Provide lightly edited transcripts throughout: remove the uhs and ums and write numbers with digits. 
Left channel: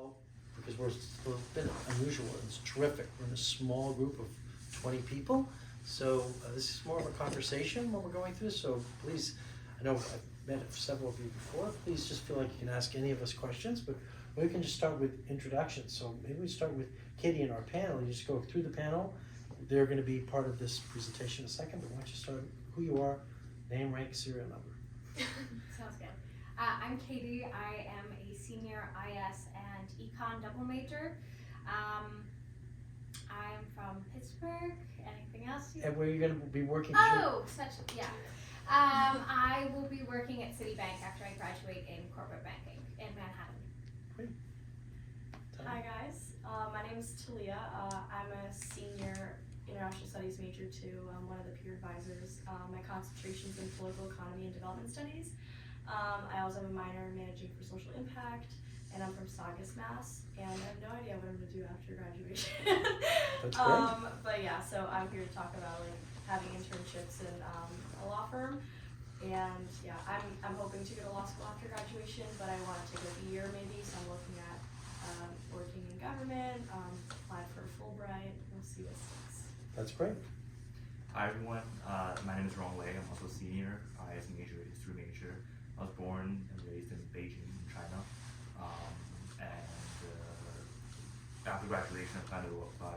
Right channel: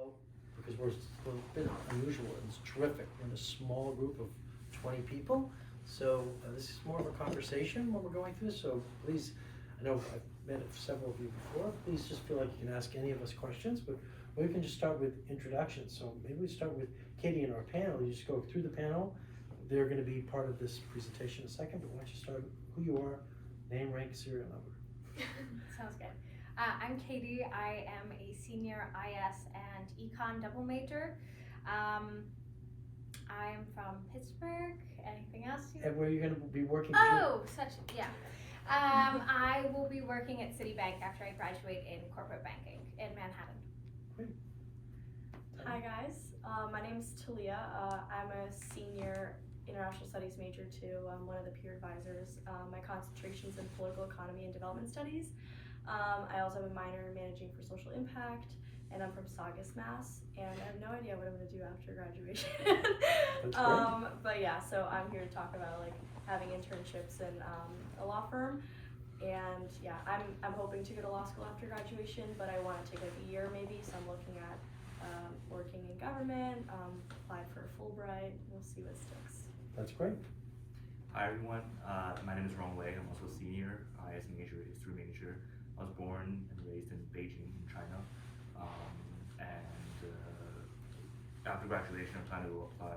all, because we're a bit unusual, it's terrific. We're in a small group of 20 people, so this is more of a conversation when we're going through this, so please, I know I've met several of you before, please just feel like you can ask any of us questions, but we can just start with introductions. So maybe we start with Katie and our panel. You just go through the panel. They're going to be part of this presentation in a second, but why don't you start with who you are, name, rank, serial number. Sounds good. I'm Katie. I am a senior IS and econ double major. I'm from Pittsburgh. Anything else? And where are you going to be working? I will be working at Citibank after I graduate in corporate banking in Manhattan. Great. Hi guys, my name is Talia. I'm a senior international studies major too. I'm one of the peer advisors. My concentration's in political economy and development studies. I also have a minor in managing for social impact, and I'm from Saugus, Mass. And I have no idea what I'm gonna do after graduation. But yeah, so I'm here to talk about like having internships in a law firm. And yeah, I'm hoping to go to law school after graduation, but I want to take like a year maybe, so I'm looking at working in government, applied for Fulbright, we'll see what sticks. That's great. Hi everyone, my name is Ron Wei. I'm also a senior IS major, history major. I was born and raised in Beijing, in China. After graduation, I plan to apply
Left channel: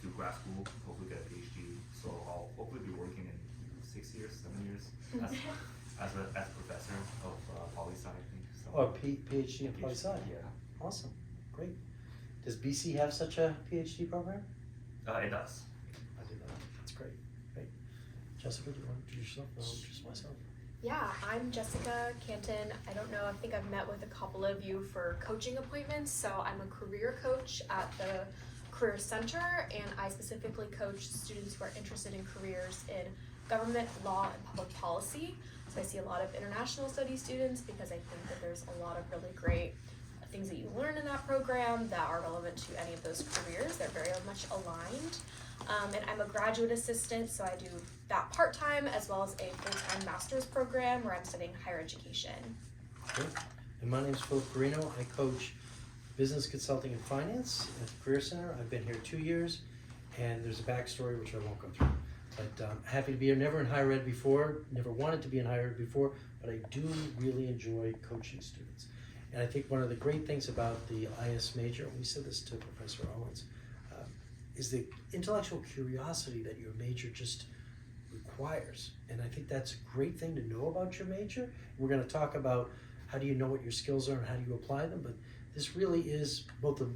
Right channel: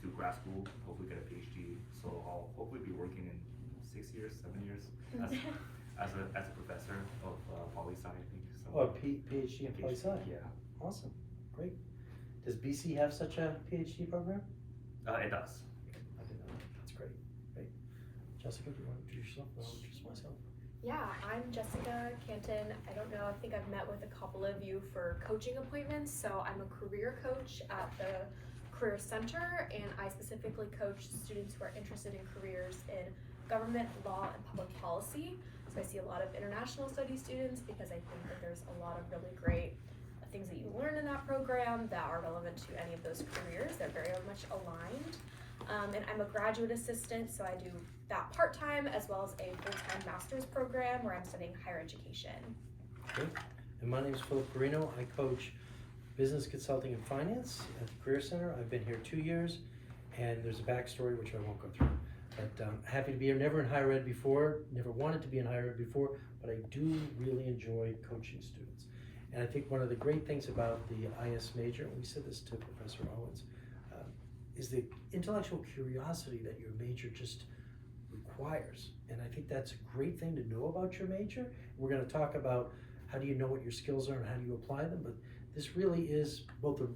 to grad school, hopefully get a PhD. So I'll hopefully be working in 6 years, 7 years as a professor of poli-sci, I think. So, PhD in poli-sci? Yeah. Awesome, great. Does BC have such a PhD program? It does. I didn't know. That's great. Great. Jessica, do you want to introduce yourself? I'll introduce myself. Yeah, I'm Jessica Cantin. I don't know, I think I've met with a couple of you for coaching appointments. So I'm a career coach at the Career Center, and I specifically coach students who are interested in careers in government, law, and public policy. So I see a lot of international studies students because I think that there's a lot of really great things that you learn in that program that are relevant to any of those careers. They're very much aligned. And I'm a graduate assistant, so I do that part-time as well as a full-time master's program where I'm studying higher education. Good. And my name is Guarino. I coach business consulting and finance at the Career Center. I've been here 2 years, and there's a backstory which I won't go through. But happy to be here. Never in higher ed before, never wanted to be in higher ed before, but I do really enjoy coaching students. And I think one of the great things about the IS major, and we said this to Professor Owens, is the intellectual curiosity that your major just requires. And I think that's a great thing to know about your major. We're going to talk about how do you know what your skills are and how do you apply them, but this really is both a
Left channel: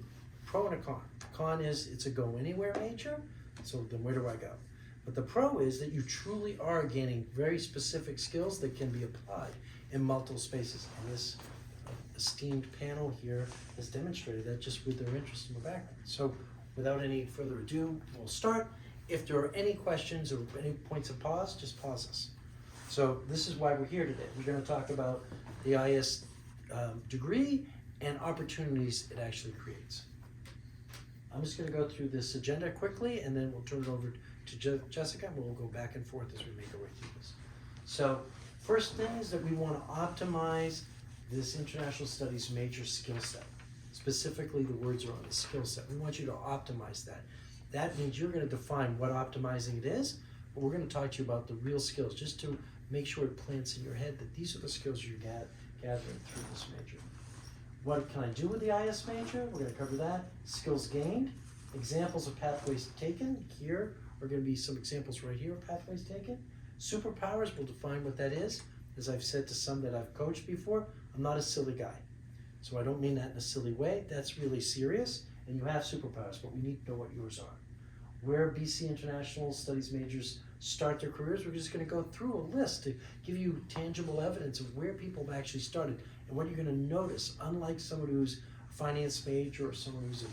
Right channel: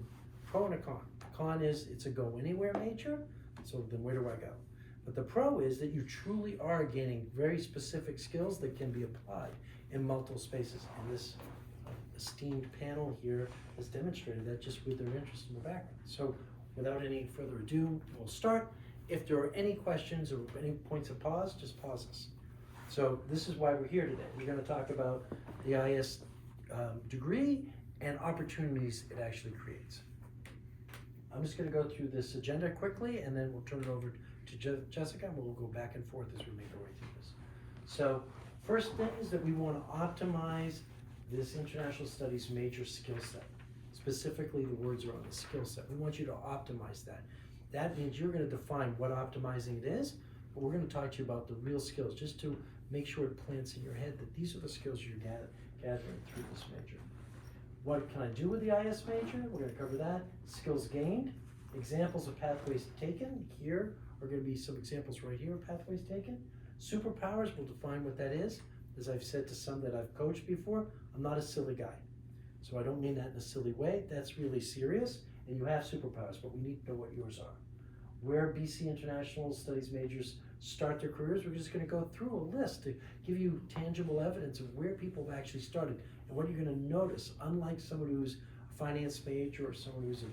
pro and a con. Con is it's a go anywhere major, so then where do I go? But the pro is that you truly are gaining very specific skills that can be applied in multiple spaces. And this esteemed panel here has demonstrated that just with their interest in the background. So without any further ado, we'll start. If there are any questions or any points of pause, just pause us. So this is why we're here today. We're going to talk about the IS degree and opportunities it actually creates. I'm just going to go through this agenda quickly, and then we'll turn it over to Jessica, and we'll go back and forth as we make our way through this. So first thing is that we want to optimize this international studies major skill set. Specifically, the words are on the skill set. We want you to optimize that. That means you're going to define what optimizing it is, but we're going to talk to you about the real skills, just to make sure it plants in your head that these are the skills you're gathering through this major. What can I do with the IS major? We're going to cover that. Skills gained, examples of pathways taken. Here are going to be some examples right here of pathways taken. Superpowers, we'll define what that is. As I've said to some that I've coached before, I'm not a silly guy. So I don't mean that in a silly way. That's really serious, and you have superpowers, but we need to know what yours are. Where BC International Studies majors start their careers, we're just going to go through a list to give you tangible evidence of where people have actually started and what you're going to notice. Unlike someone who's a finance major or someone who's a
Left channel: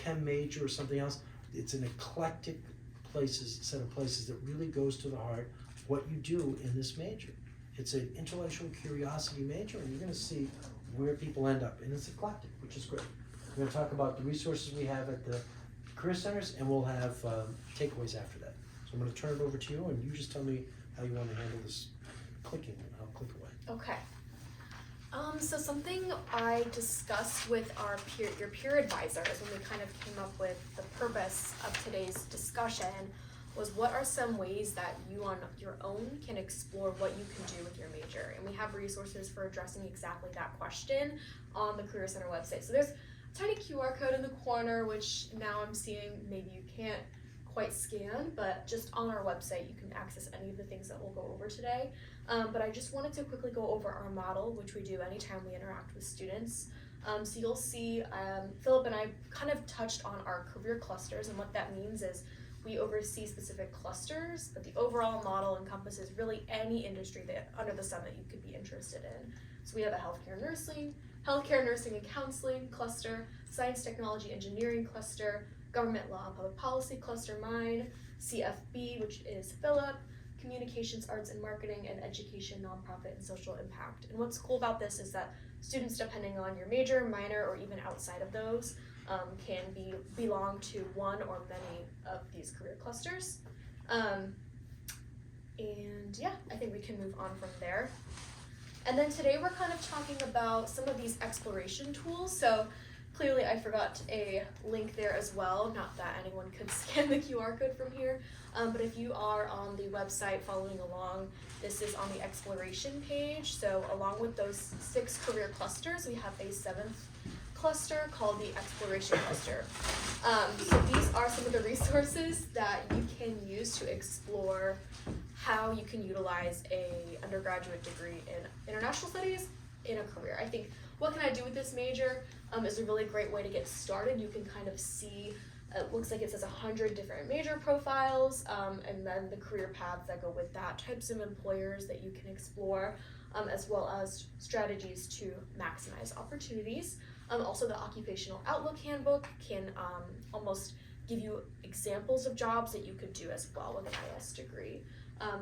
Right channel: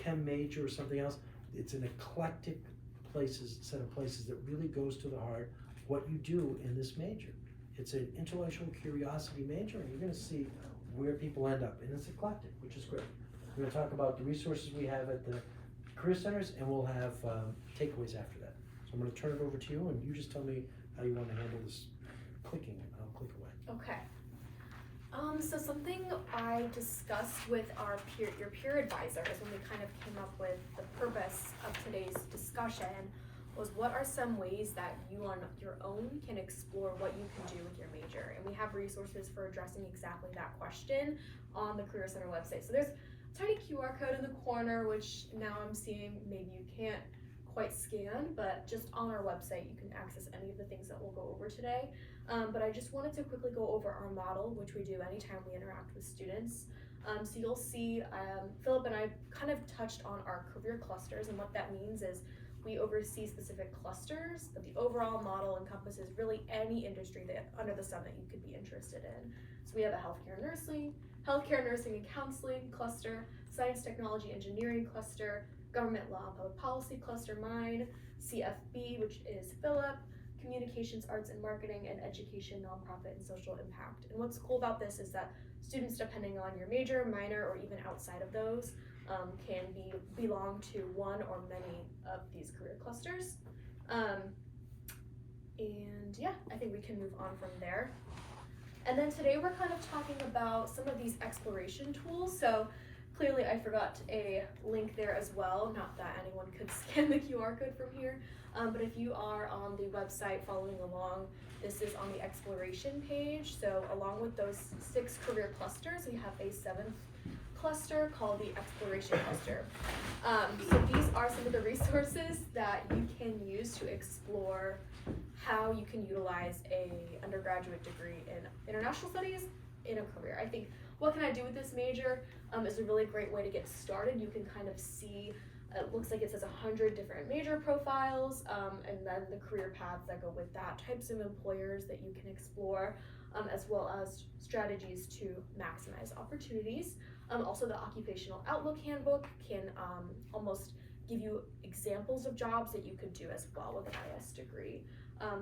chem major or something else, it's an eclectic set of places that really goes to the heart what you do in this major. It's an intellectual curiosity major, and you're going to see where people end up, and it's eclectic, which is great. We're going to talk about the resources we have at the career centers, and we'll have takeaways after that. So I'm going to turn it over to you, and you just tell me how you want to handle this clicking, and I'll click away. Okay. So something I discussed with your peer advisors when we kind of came up with the purpose of today's discussion was what are some ways that you on your own can explore what you can do with your major. And we have resources for addressing exactly that question on the Career Center website. So there's a tiny QR code in the corner, which now I'm seeing maybe you can't quite scan, but just on our website you can access any of the things that we'll go over today. But I just wanted to quickly go over our model, which we do anytime we interact with students. So you'll see Philip and I kind of touched on our career clusters, and what that means is we oversee specific clusters, but the overall model encompasses really any industry that under the sun that you could be interested in. So we have a healthcare, nursing and counseling cluster, science, technology, engineering cluster, government law and public policy cluster, mine, CFB, which is Philip, communications, arts and marketing, and education, nonprofit, and social impact. And what's cool about this is that students, depending on your major, minor, or even outside of those, can belong to one or many of these career clusters. And yeah, I think we can move on from there. And then today we're kind of talking about some of these exploration tools. So clearly I forgot a link there as well, not that anyone could scan the QR code from here, but if you are on the website following along, this is on the exploration page. So along with those 6 career clusters, we have a 7th cluster called the exploration cluster. So these are some of the resources that you can use to explore how you can utilize a undergraduate degree in international studies in a career. I think what can I do with this major is a really great way to get started. You can kind of see, it looks like it says 100 different major profiles, and then the career paths that go with that, types of employers that you can explore, as well as strategies to maximize opportunities. Also, the Occupational Outlook Handbook can almost give you examples of jobs that you could do as well with an IS degree.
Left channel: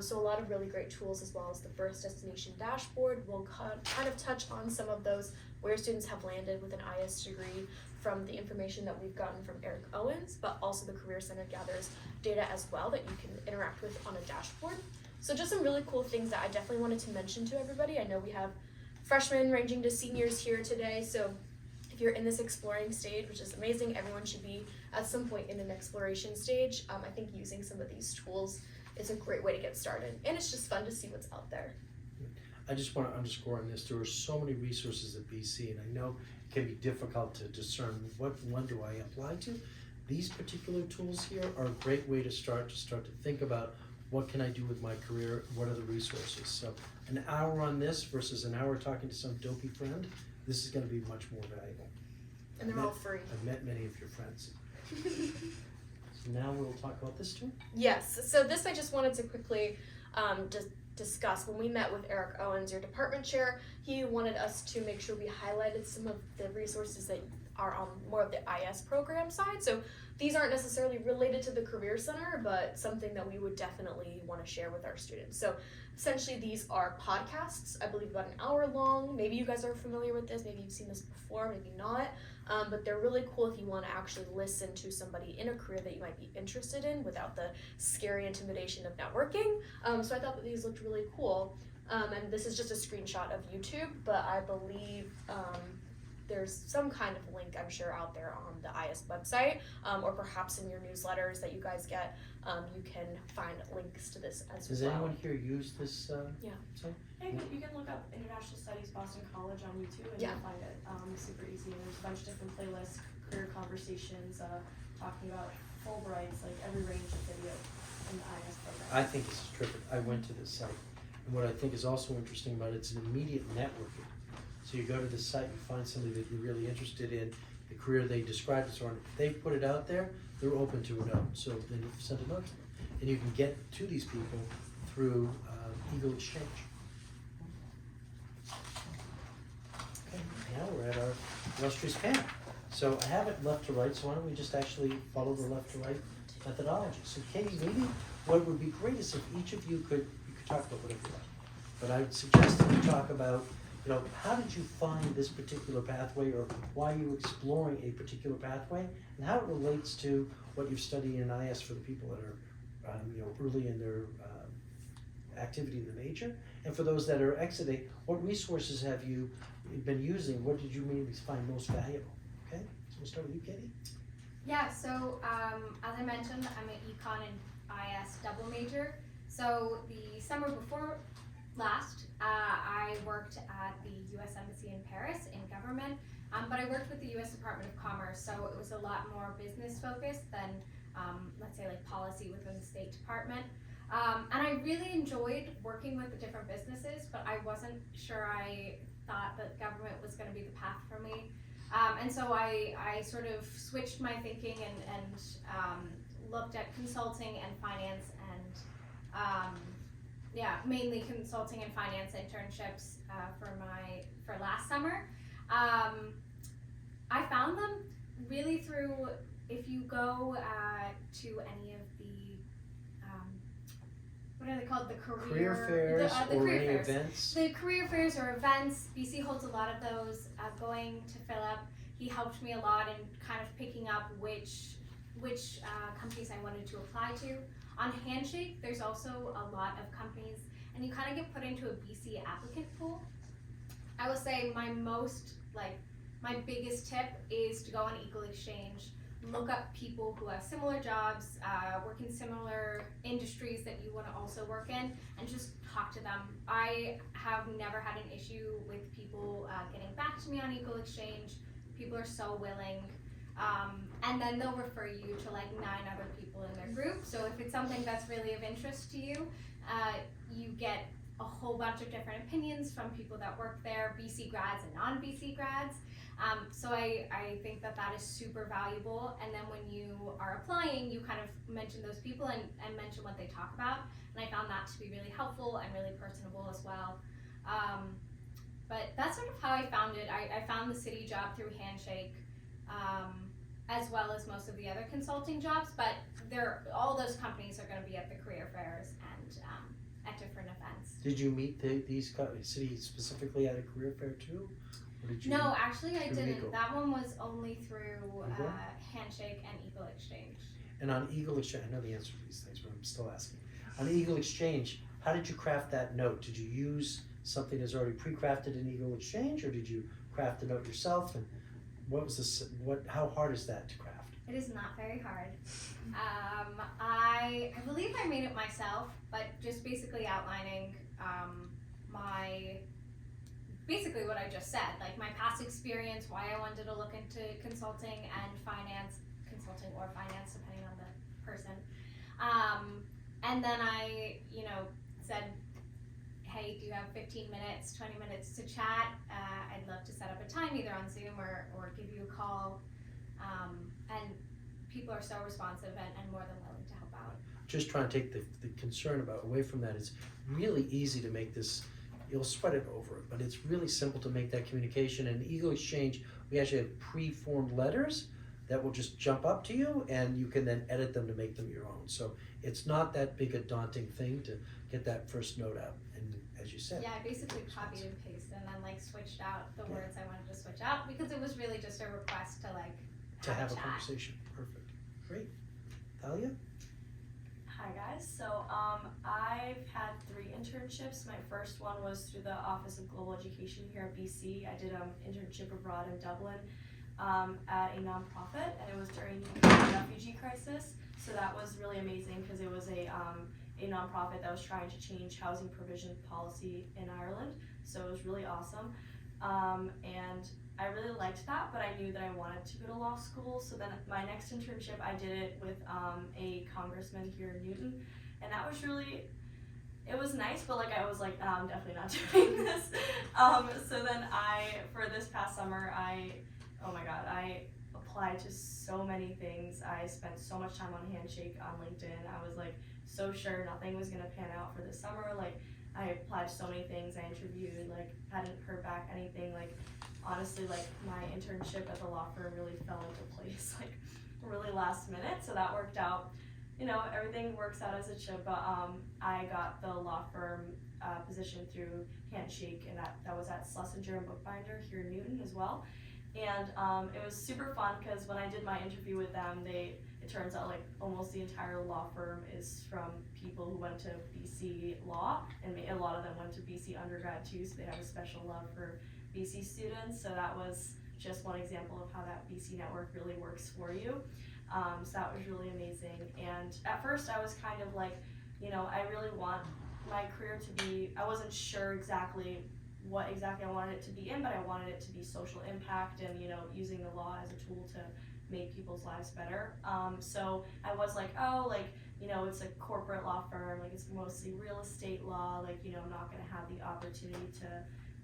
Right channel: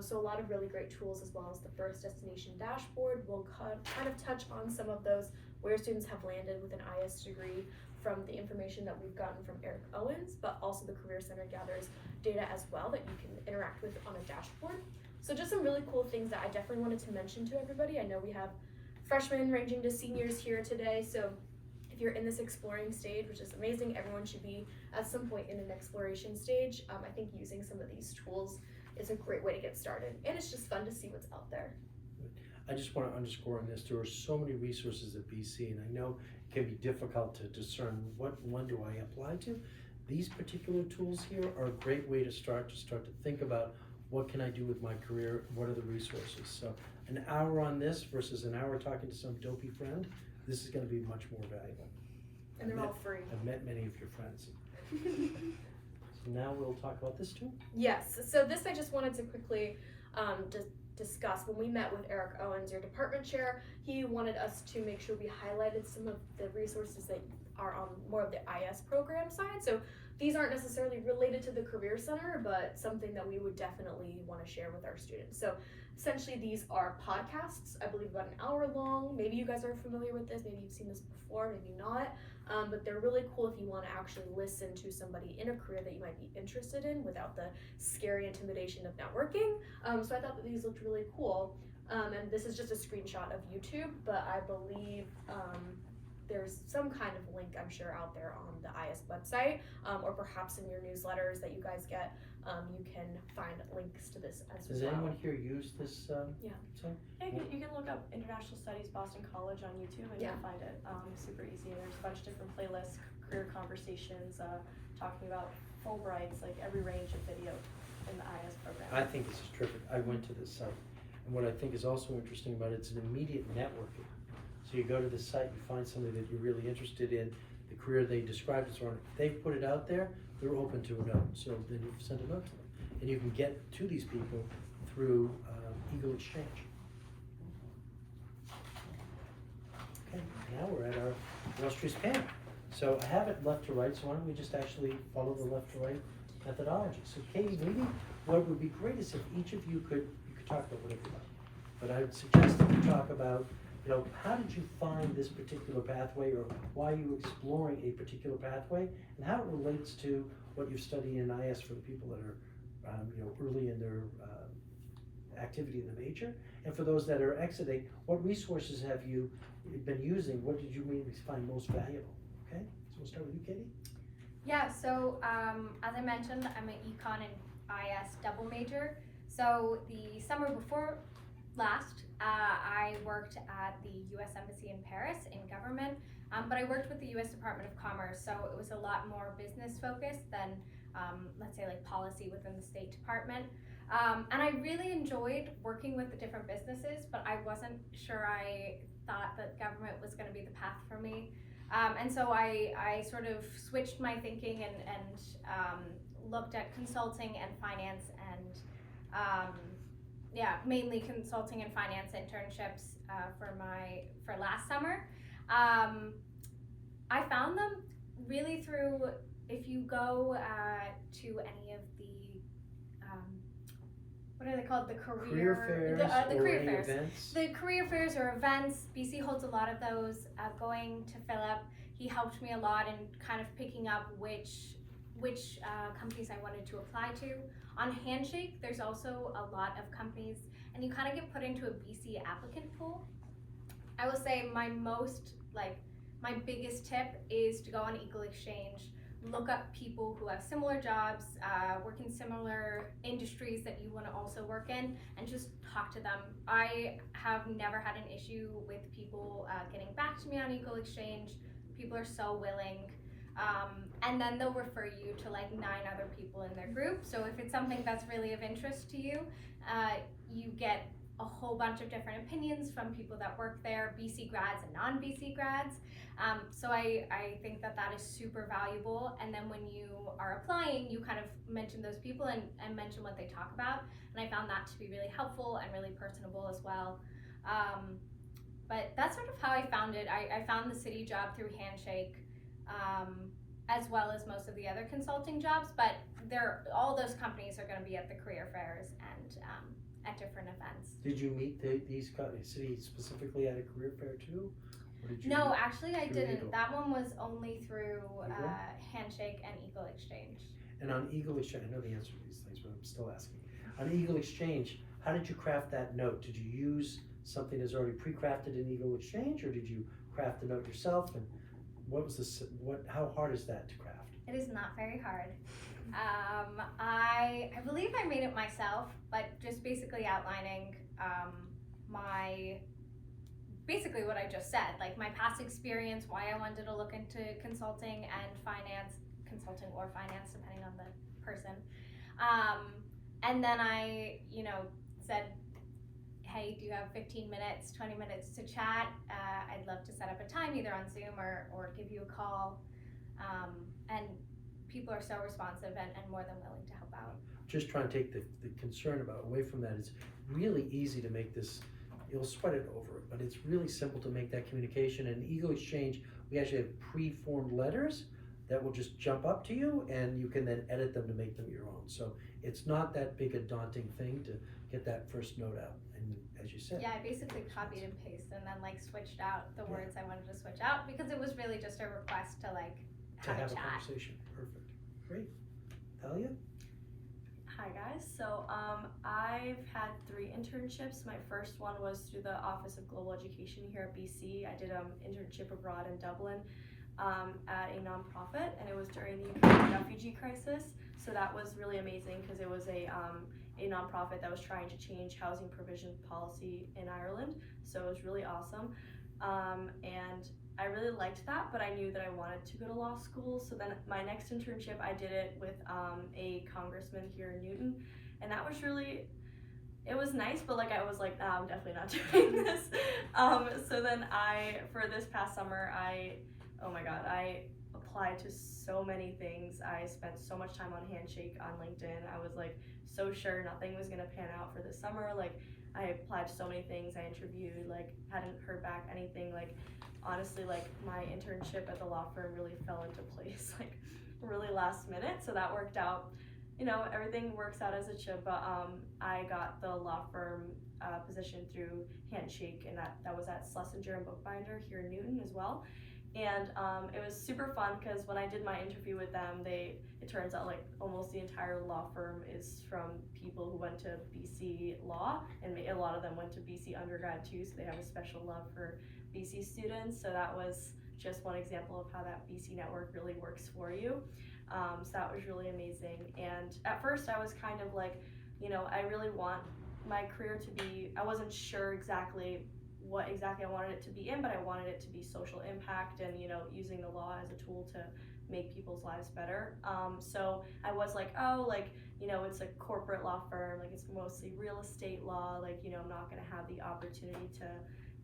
So a lot of really great tools, as well as the First Destination Dashboard. We'll kind of touch on some of those where students have landed with an IS degree from the information that we've gotten from Eric Owens, but also the Career Center gathers data as well that you can interact with on a dashboard. So just some really cool things that I definitely wanted to mention to everybody. I know we have freshmen ranging to seniors here today, so if you're in this exploring stage, which is amazing, everyone should be at some point in an exploration stage. I think using some of these tools is a great way to get started, and it's just fun to see what's out there. I just want to underscore on this, there are so many resources at BC, and I know it can be difficult to discern what one do I apply to. These particular tools here are a great way to start to think about what can I do with my career, what are the resources. So an hour on this versus an hour talking to some dopey friend, this is going to be much more valuable. And they're all free. I've met many of your friends. So now we'll talk about this too. Yes, so this I just wanted to quickly discuss. When we met with Eric Owens, your department chair, he wanted us to make sure we highlighted some of the resources that are on more of the IS program side. So these aren't necessarily related to the Career Center, but something that we would definitely want to share with our students. So essentially these are podcasts, I believe about an hour long. Maybe you guys are familiar with this, maybe you've seen this before, maybe not. But they're really cool if you want to actually listen to somebody in a career that you might be interested in without the scary intimidation of networking. So I thought that these looked really cool. And this is just a screenshot of YouTube, but I believe there's some kind of link, I'm sure, out there on the IS website, or perhaps in your newsletters that you guys get. You can find links to this as well. Does anyone here use this? Yeah. So? Yeah, you can look up International Studies Boston College on YouTube and you'll find it super easy. And there's a bunch of different playlists, career conversations, talking about Fulbrights, like every range of video in the IS program. I think this is terrific. I went to this site, and what I think is also interesting about it, it's an immediate networking. So you go to the site, you find somebody that you're really interested in, the career they described and so on. If they put it out there, they're open to a note. So then you send a note to them, and you can get to these people through Eagle Exchange. Okay, now we're at our illustrious panel. So I have it left to right, so why don't we just actually follow the left to right methodology. So Katie, maybe what would be great is if each of you could talk about whatever you like. But I would suggest that you talk about, how did you find this particular pathway, or why are you exploring a particular pathway, and how it relates to what you're studying in IS for the people that are, early in their activity in the major, and for those that are exiting, what resources have you, you've been using, what did you maybe find most valuable? Okay, so we'll start with you, Katie. Yeah, so as I mentioned, I'm an econ and IS double major. So the summer before last, I worked at the U.S. Embassy in Paris in government, but I worked with the U.S. Department of Commerce, so it was a lot more business focused than, let's say, like policy within the State Department. And I really enjoyed working with the different businesses, but I wasn't sure I thought that government was going to be the path for me. And so I sort of switched my thinking and looked at consulting and finance and mainly consulting and finance internships for last summer. I found them really through, if you go to any of the what are they called? The Career fairs the or career any fairs. events? The career fairs or events. BC holds a lot of those. Going to Philip, he helped me a lot in kind of picking up which companies I wanted to apply to. On Handshake, there's also a lot of companies, and you kind of get put into a BC applicant pool. I will say my biggest tip is to go on Eagle Exchange, look up people who have similar jobs, work in similar industries that you want to also work in, and just talk to them. I have never had an issue with people getting back to me on Eagle Exchange. People are so willing. And then they'll refer you to like 9 other people in their group. So if it's something that's really of interest to you, you get a whole bunch of different opinions from people that work there, BC grads and non-BC grads. So I think that is super valuable. And then when you are applying, you kind of mention those people and mention what they talk about. And I found that to be really helpful and really personable as well. But that's sort of how I found it. I found the city job through Handshake, as well as most of the other consulting jobs, but all those companies are going to be at the career fairs and at different events. Did you meet these cities specifically at a career fair too? Or did you No, actually I didn't. Eagle? That one was only through Eagle? Handshake and Eagle Exchange. And on Eagle Exchange, I know the answer to these things, but I'm still asking. On Eagle Exchange, how did you craft that note? Did you use something that's already pre-crafted in Eagle Exchange, or did you craft the note yourself? And how hard is that to craft? It is not very hard. I believe I made it myself, but just basically outlining basically what I just said, like my past experience, why I wanted to look into consulting and finance, consulting or finance, depending on the person. And then I, said, hey, do you have 15 minutes, 20 minutes to chat? I'd love to set up a time either on Zoom or give you a call. And people are so responsive and more than willing to help out. Just trying to take the concern away from that. It's really easy to make this, you'll sweat it over it, but it's really simple to make that communication. In Eagle Exchange, we actually have pre-formed letters that will just jump up to you, and you can then edit them to make them your own. So it's not that big a daunting thing to get that first note out. And as you said, yeah, I basically copied and pasted and then switched out the words I wanted to switch out, because it was really just a request to have a chat. conversation. Perfect. Great. Talia? Hi guys, so I've had 3 internships. My first one was through the Office of Global Education here at BC. I did an internship abroad in Dublin at a nonprofit, and it was during the refugee crisis. So that was really amazing because it was a nonprofit that was trying to change housing provision policy in Ireland. So it was really awesome. And I really liked that, but I knew that I wanted to go to law school. So then my next internship, I did it with a congressman here in Newton, and that was it was nice, but I was like, I'm definitely not doing this. So then for this past summer, I applied to so many things. I spent so much time on Handshake, on LinkedIn. I was so sure nothing was gonna pan out for this summer. I applied to so many things. I interviewed, hadn't heard back anything. Honestly, my internship at the law firm really fell into place, really last minute. So that worked out. Everything works out as it should. But I got the law firm position through Handshake, and that was at Schlesinger and Bookbinder here in Newton as well. And it was super fun because when I did my interview with them, it turns out like almost the entire law firm is from people who went to BC Law, and a lot of them went to BC undergrad too, so they have a special love for BC students. So that was just one example of how that BC network really works for you. So that was really amazing. And at first I was kind of like, I really want my career to be, I wasn't sure exactly what exactly I wanted it to be in, but I wanted it to be social impact and, using the law as a tool to make people's lives better. So I was like, it's a corporate law firm, like it's mostly real estate law, like, I'm not gonna have the opportunity to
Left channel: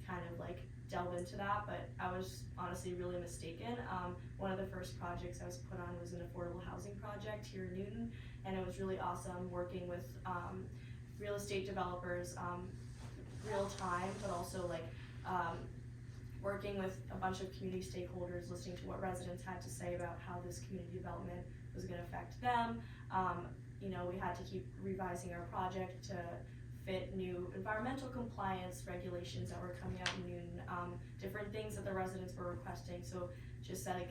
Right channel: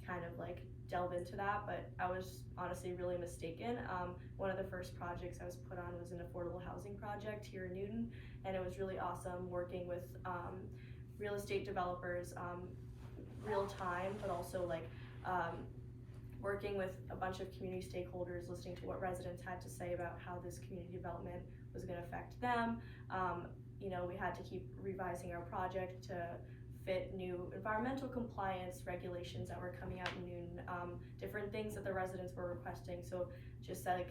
kind of like delve into that, but I was honestly really mistaken. One of the first projects I was put on was an affordable housing project here in Newton, and it was really awesome working with real estate developers, real time, but also like working with a bunch of community stakeholders, listening to what residents had to say about how this community development was going to affect them. We had to keep revising our project to fit new environmental compliance regulations that were coming out in Newton, different things that the residents were requesting. So just that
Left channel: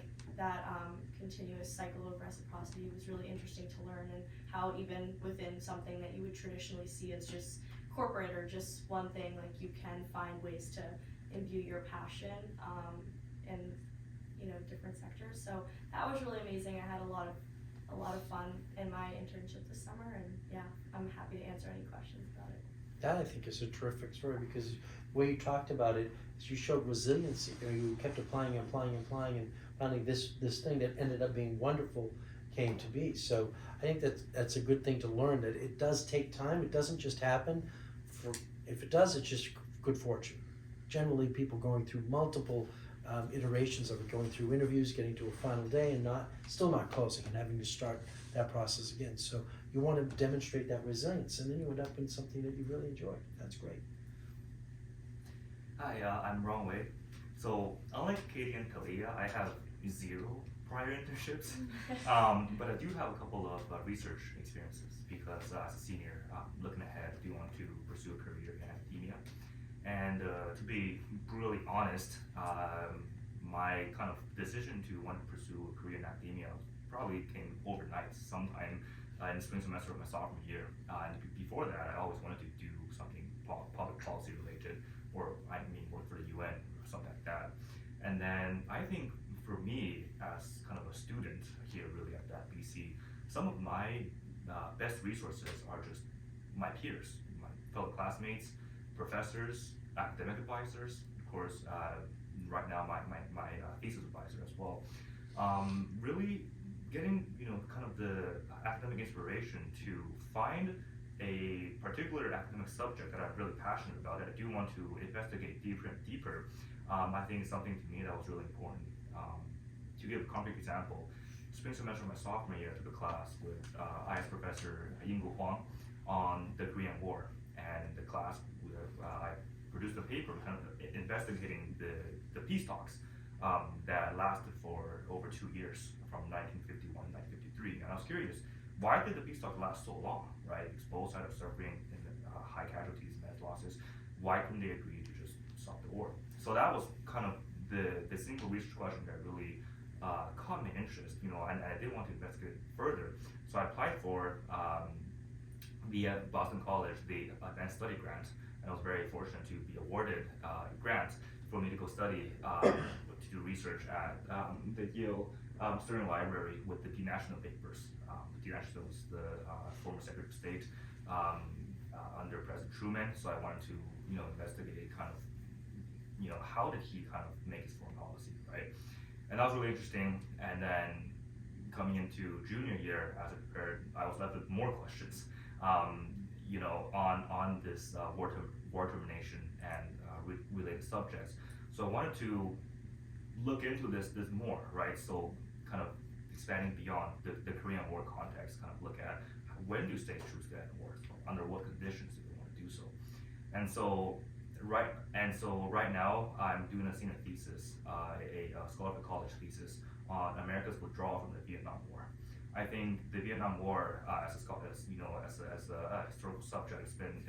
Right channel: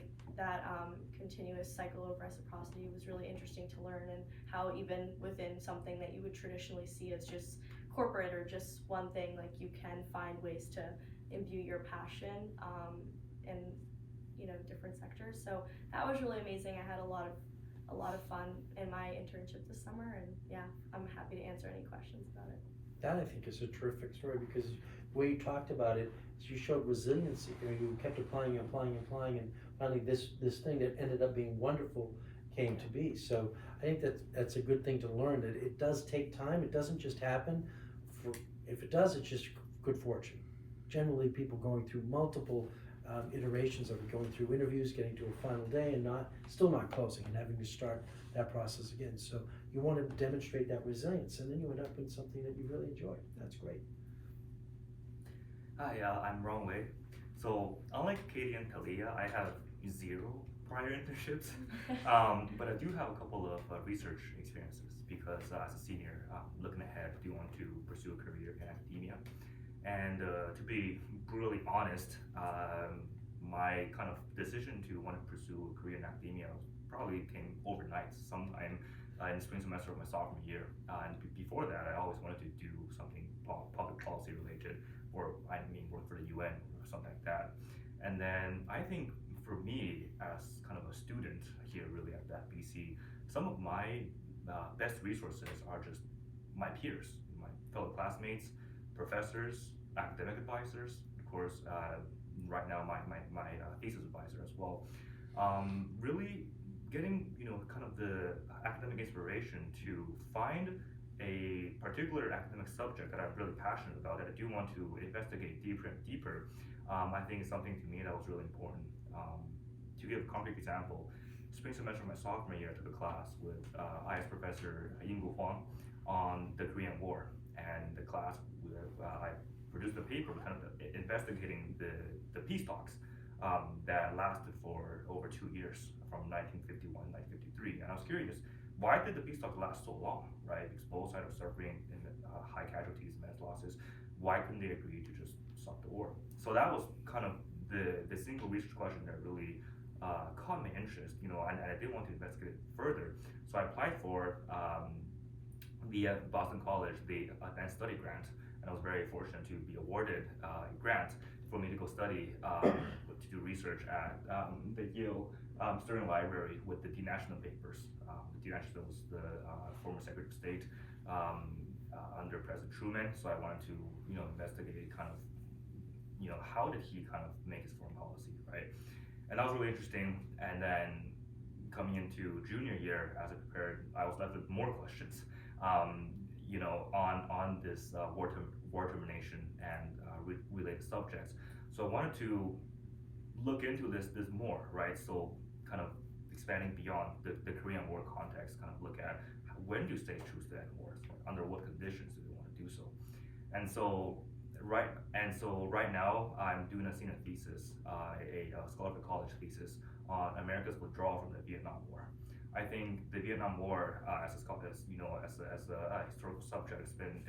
continuous cycle of reciprocity was really interesting to learn, and how even within something that you would traditionally see as just corporate or just one thing, like you can find ways to imbue your passion in different sectors. So that was really amazing. I had a lot of fun in my internship this summer, and yeah, I'm happy to answer any questions about it. That I think is a terrific story, because the way you talked about it is you showed resiliency. You kept applying, and finally this thing that ended up being wonderful came to be. So I think that's a good thing to learn, that it does take time. It doesn't just happen. If it does, it's just good fortune. Generally, people going through multiple iterations of it, going through interviews, getting to a final day, and still not closing, and having to start that process again. So you want to demonstrate that resilience, and then you end up in something that you really enjoy. That's great. Hi, I'm Ron Wei. So unlike Katie and Talia, I have 0 prior internships, but I do have a couple of research experiences, because as a senior, looking ahead, do want to pursue a career in academia. And to be brutally honest, my kind of decision to want to pursue a career in academia probably came overnight, sometime in the spring semester of my sophomore year. And before that, I always wanted to do something public policy related, or work for the UN or something like that. And then I think for me, as kind of a student here really at that BC, some of my best resources are just my peers, my fellow classmates, professors, academic advisors, of course, right now my thesis advisor as well. Really getting kind of the academic inspiration to find a particular academic subject that I'm really passionate about, that I do want to investigate deeper and deeper. I think is something to me that was really important. To give a concrete example, spring semester of my sophomore year, I took a class with IS professor Yinggu Huang on the Korean War, and the class I produced a paper kind of investigating the peace talks that lasted for over 2 years, from 1951 to 1953. And I was curious, why did the peace talks last so long, right? Both sides are suffering in high casualties, mass losses. Why couldn't they agree to just stop the war? So that was kind of the single research question that really caught my interest, and I did want to investigate it further. So I applied for via Boston College the advanced study grant, and I was very fortunate to be awarded a grant for me to go study to do research at the Yale Sterling Library with the denational papers. The denational was the former Secretary of State under President Truman. So I wanted to investigate kind of how did he kind of make his foreign policy, right? And that was really interesting. And then coming into junior year, as I prepared, I was left with more questions, on this war termination and related subjects. So I wanted to look into this more, right? So kind of expanding beyond the Korean War context, kind of look at when do states choose to end wars, under what conditions do they want to do so. And so right now I'm doing a senior thesis, a scholarly college thesis on America's withdrawal from the Vietnam War. I think the Vietnam War, as a historical subject, has been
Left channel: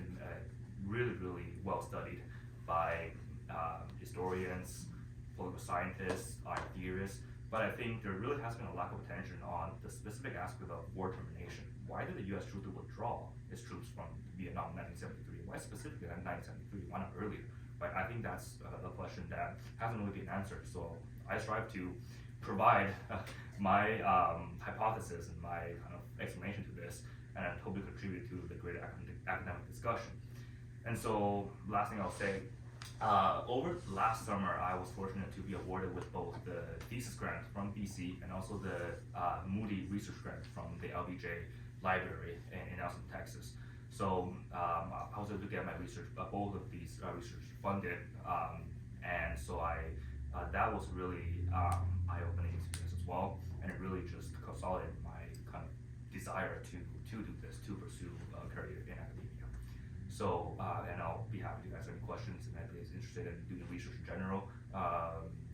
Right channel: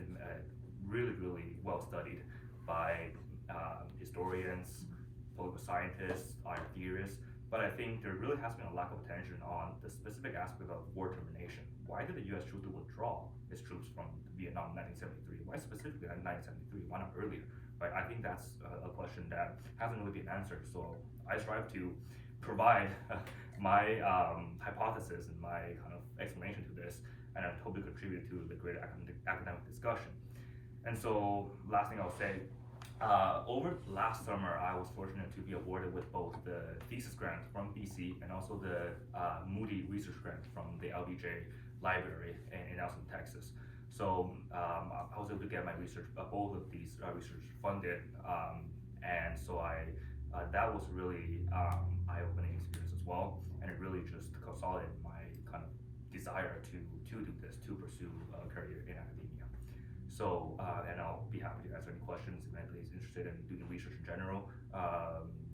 really well studied by historians, political scientists, are theorists, but I think there really has been a lack of attention on the specific aspect of war termination. Why did the U.S. choose to withdraw its troops from Vietnam in 1973? Why specifically in 1973? Why not earlier? Right? I think that's a question that hasn't really been answered. So I strive to provide my hypothesis and my kind of explanation to this, and I hope to contribute to the greater academic discussion. And so, last thing I'll say, over last summer, I was fortunate to be awarded with both the thesis grant from BC and also the Moody Research Grant from the LBJ Library in Austin, Texas. So I was able to get my research, both of these research funded, and so that was really eye-opening experience as well, and it really just consolidated my kind of desire to do this, to pursue a career in academia. So, and I'll be happy to answer any questions if anybody's interested in doing research in general.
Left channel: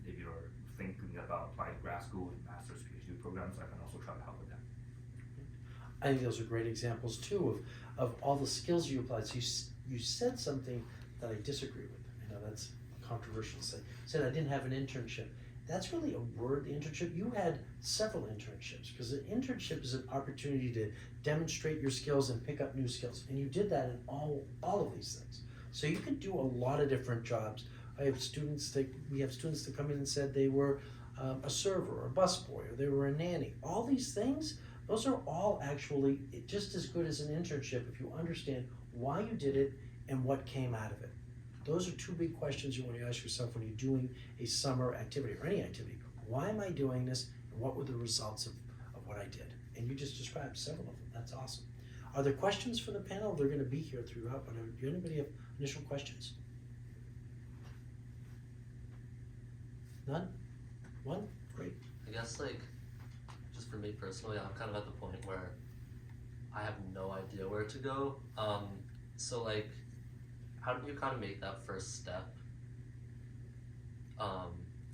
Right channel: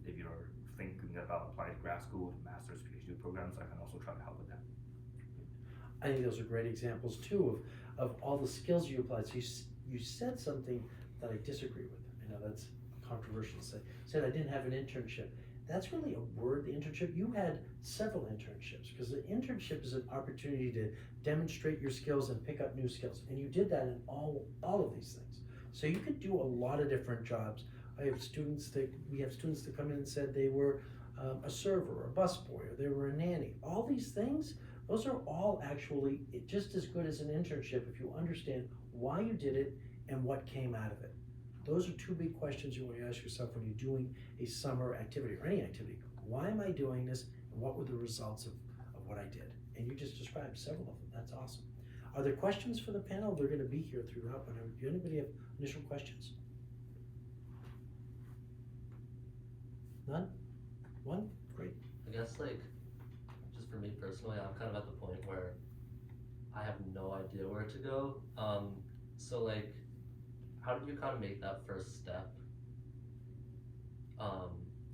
If you're thinking about applying to grad school, master's, PhD programs, I can also try to help with that. I think those are great examples too of all the skills you applied. So you said something that I disagree with. I know that's controversial. Said I didn't have an internship. That's really a word, internship. You had several internships, because an internship is an opportunity to demonstrate your skills and pick up new skills. And you did that in all of these things. So you could do a lot of different jobs. We have students that come in and said they were a server or a busboy, or they were a nanny. All these things, those are all actually just as good as an internship if you understand why you did it and what came out of it. Those are two big questions you want to ask yourself when you're doing a summer activity or any activity. Why am I doing this, and what were the results of what I did? And you just described several of them. That's awesome. Are there questions for the panel? They're going to be here throughout, but do anybody have initial questions? None? One? Great. I guess, like, just for me personally, I'm kind of at the point where I have no idea where to go. So, like, how do you kind of make that first step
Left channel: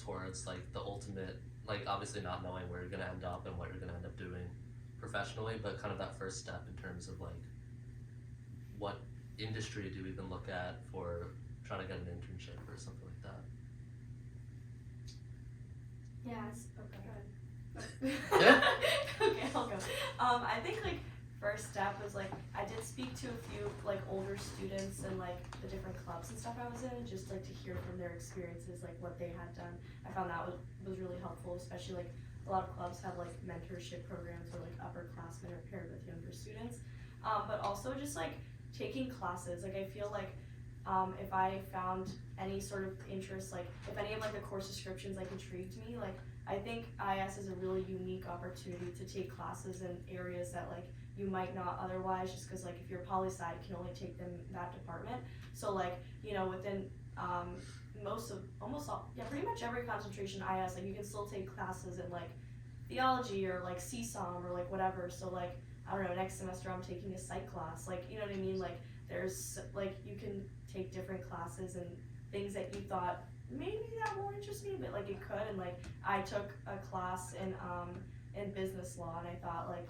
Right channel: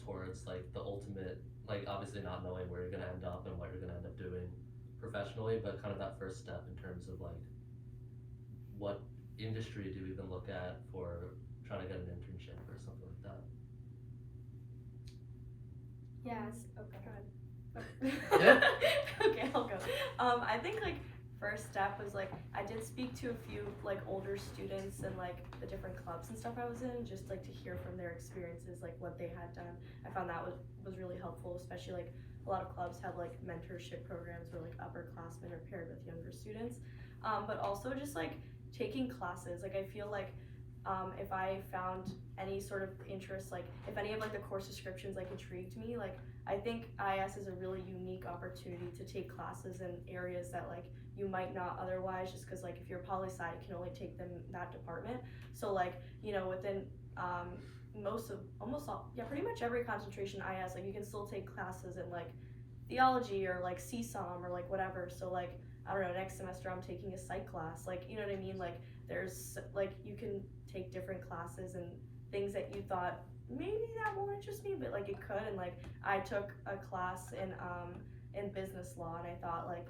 towards, like, the ultimate, like, obviously not knowing where you're going to end up and what you're going to end up doing professionally, but kind of that first step in terms of, like, what industry do you even look at for trying to get an internship or something like that? Yes. Yeah. Okay, I'll go. I think, like, first step was, like, I did speak to a few, like, older students and, like, the different clubs and stuff I was in, just, like, to hear from their experiences, like, what they had done. I found that was really helpful, especially, like, a lot of clubs have, like, mentorship programs where, like, upperclassmen are paired with younger students. But also just, like, taking classes. Like, I feel like if I found any sort of interest, like, if any of, like, the course descriptions, like, intrigued me, like, I think IS is a really unique opportunity to take classes in areas that, like, you might not otherwise, just because, like, if you're poli-sci, you can only take them in that department. So, like, you know, within pretty much every concentration IS, like, you can still take classes in, like, theology or, like, CSOM or, like, whatever. So, like, I don't know, next semester I'm taking a psych class, like, you know what I mean? Like, there's, like, you can take different classes and things that you thought maybe that won't interest me, but, like, it could. And, like, I took a class in business law, and I thought, like,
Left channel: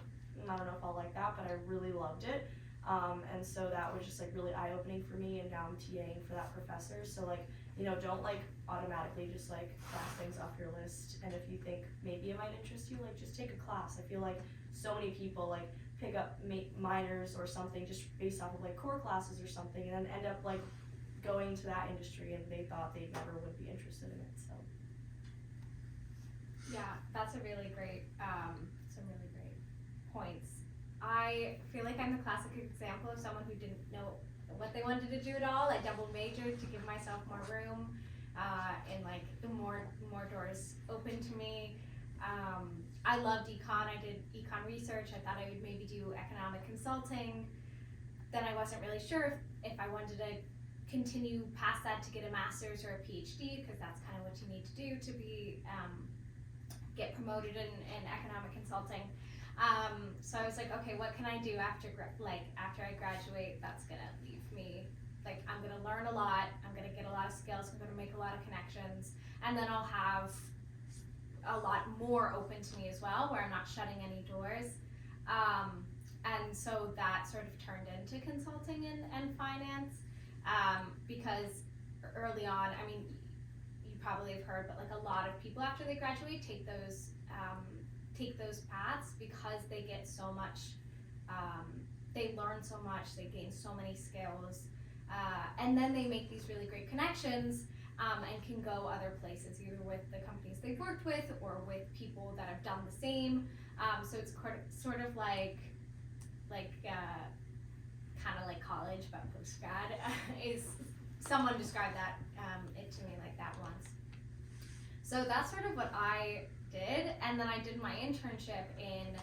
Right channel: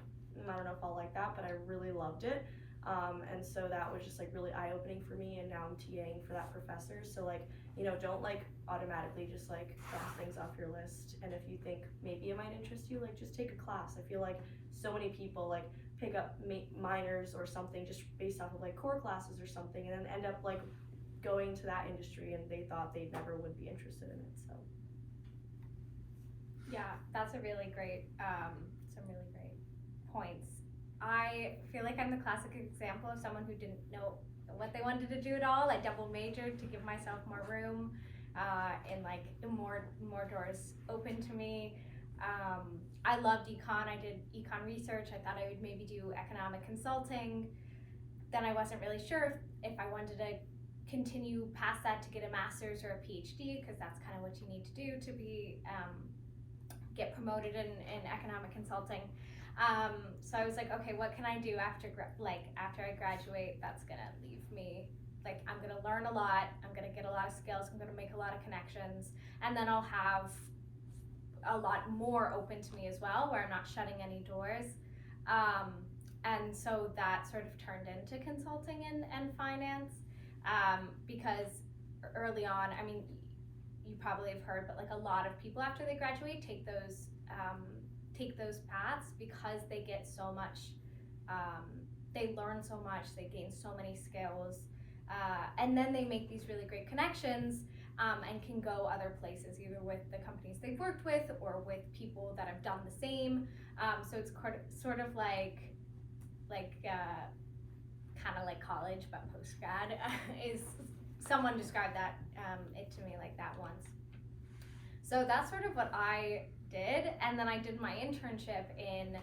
I don't know if I'll like that, but I really loved it. And so that was just, like, really eye-opening for me, and now I'm TAing for that professor. So, like, you know, don't, like, automatically just, like, cross things off your list. And if you think maybe it might interest you, like, just take a class. I feel like so many people, like, pick up minors or something just based off of, like, core classes or something, and then end up, like, going to that industry, and they thought they never would be interested in it. So Yeah, that's a really great, some really great points. I feel like I'm the classic example of someone who didn't know what they wanted to do at all. I double majored to give myself more room, and, like, more doors open to me. I loved econ. I did econ research. I thought I would maybe do economic consulting. Then I wasn't really sure if I wanted to continue past that to get a master's or a PhD, because that's kind of what you need to do to be get promoted in economic consulting. So I was like, okay, what can I do after I graduate that's gonna leave me, like, I'm gonna learn a lot, I'm gonna get a lot of skills, I'm gonna make a lot of connections, and then I'll have a lot more open to me as well, where I'm not shutting any doors. And so that sort of turned into consulting and finance, because early on, I mean, you probably have heard, but like a lot of people after they graduate take those paths because they get so much, they learn so much, they gain so many skills, and then they make these really great connections, and can go other places, either with the companies they've worked with or with people that have done the same. So it's sort of like kind of like college, but post-grad. Is someone described that it to me like that once. So that's sort of what I did, and then I did my internship in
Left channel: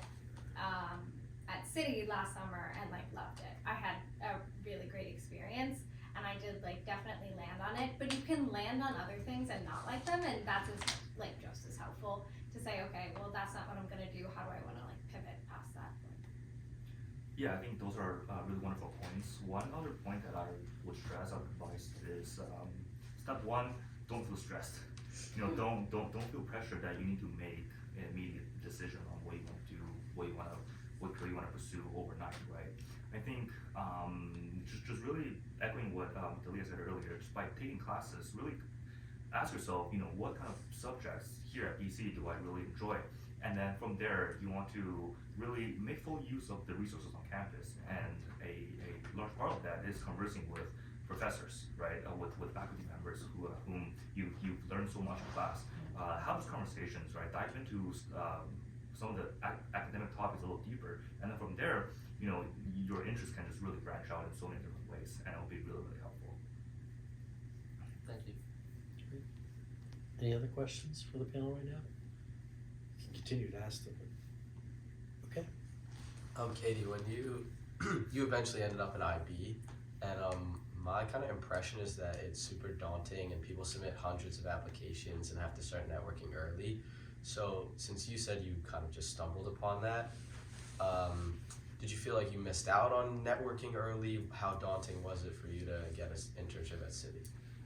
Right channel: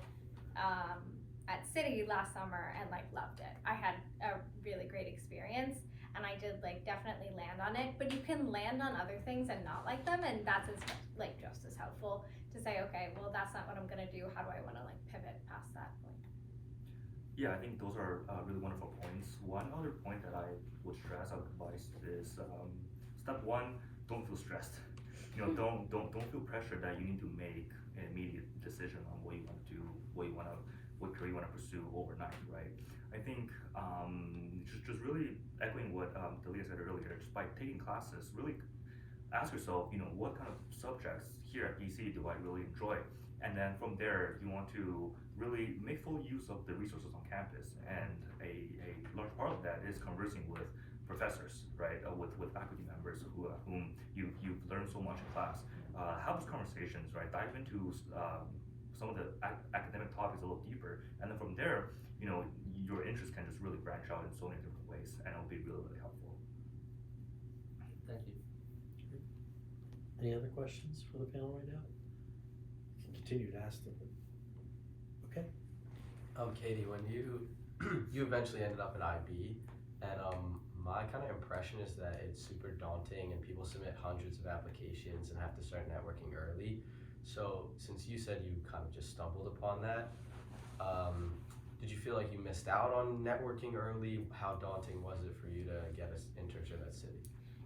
at City last summer and like loved it. I had a really great experience, and I did like definitely land on it. But you can land on other things and not like them, and that's just as helpful to say, okay, well that's not what I'm gonna do. How do I want to like pivot past that point? Yeah, I think those are really wonderful points. One other point that I would stress, I would advise is step one, don't feel stressed. You know, don't feel pressure that you need to make an immediate decision on what you want to do, what career you want to pursue overnight, right? I think just really echoing what Delia said earlier, just by taking classes, really ask yourself, you know, what kind of subjects here at BC do I really enjoy? And then from there, you want to really make full use of the resources on campus. And a large part of that is conversing with professors, right? With faculty members whom you've learned so much in class. Have those conversations, right? Dive into some of the academic topics a little deeper. And then from there, you know, your interest can just really branch out in so many different ways, and it'll be really, really helpful. Thank you. Any other questions for the panel right now? You can continue to ask them. Okay. Katie, when you eventually ended up in IB, and my kind of impression is that it's super daunting and people submit hundreds of applications and have to start networking early. So since you said you kind of just stumbled upon that, did you feel like you missed out on networking early? How daunting was it for you to get an internship at City?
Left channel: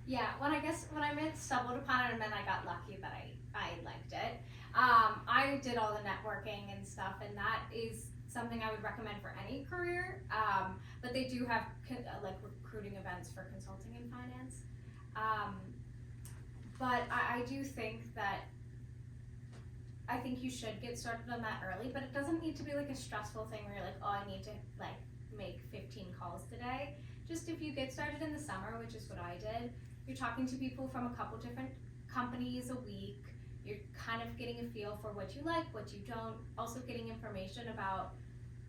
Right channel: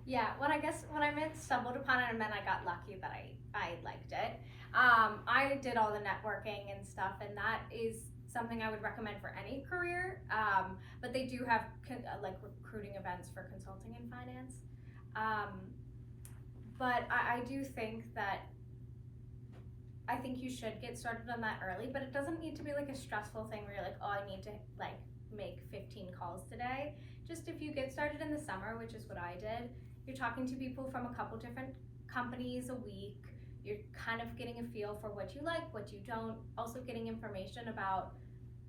Yeah, when I meant stumbled upon it, I meant I got lucky that I liked it. I did all the networking and stuff, and that is something I would recommend for any career. But they do have like recruiting events for consulting and finance. But I do think that I think you should get started on that early, but it doesn't need to be like a stressful thing where you're like, oh, I need to like make 15 calls today. Just if you get started in the summer, which is what I did, you're talking to people from a couple different companies a week. You're kind of getting a feel for what you like, what you don't. Also getting information about,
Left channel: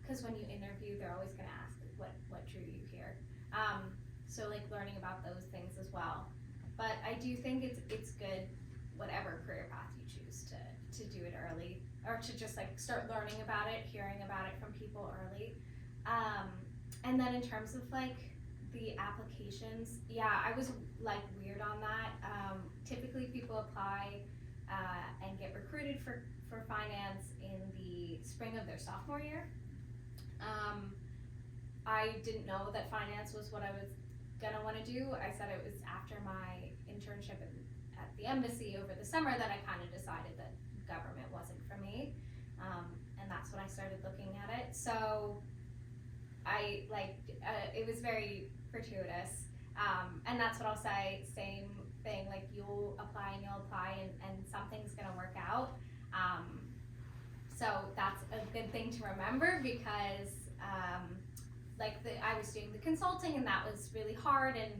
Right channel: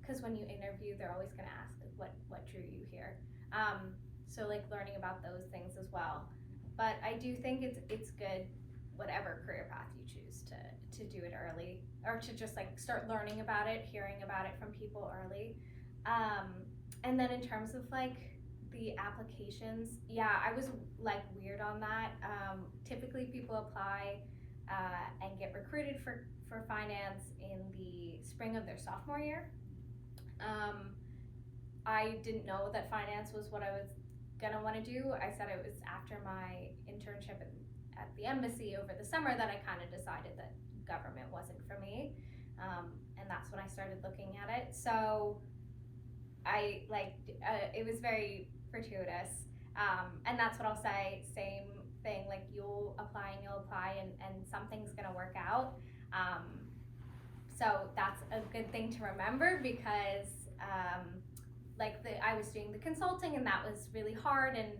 because when you interview, they're always going to ask like, what drew you here. So like learning about those things as well. But I do think it's good, whatever career path you choose, to do it early, or to just like start learning about it, hearing about it from people early. And then in terms of like the applications, yeah, I was like weird on that. Typically people apply and get recruited for finance in the spring of their sophomore year. I didn't know that finance was what I was gonna want to do. I said it was after my internship at the embassy over the summer that I kind of decided that government wasn't for me, and that's when I started looking at it. So I it was very fortuitous, and that's what I'll say. Same thing, like you'll apply and something's gonna work out. So that's a good thing to remember, because I was doing the consulting, and that was really hard, and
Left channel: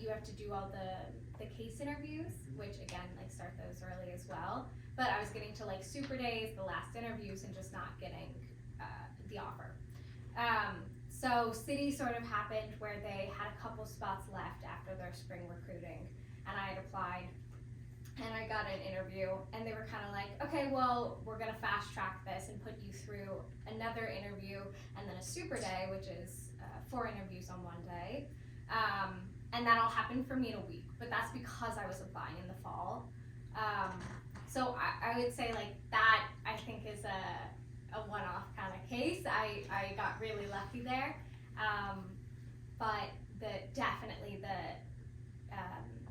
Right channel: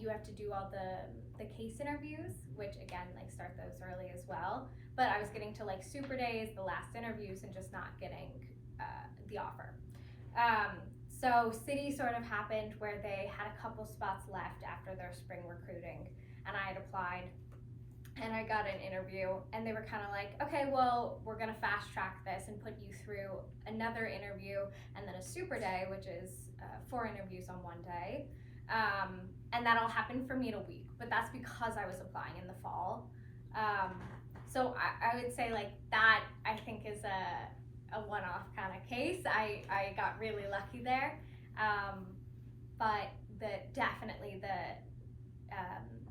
you have to do all the case interviews, which again, like start those early as well. But I was getting to like super days, the last interviews, and just not getting the offer. So City sort of happened where they had a couple spots left after their spring recruiting, and I had applied, and I got an interview, and they were kind of like, okay, well, we're gonna fast track this and put you through another interview, and then a super day, which is 4 interviews on one day. And that all happened for me in a week, but that's because I was applying in the fall. So I would say like that, I think, is a one-off kind of case. I got really lucky there, but definitely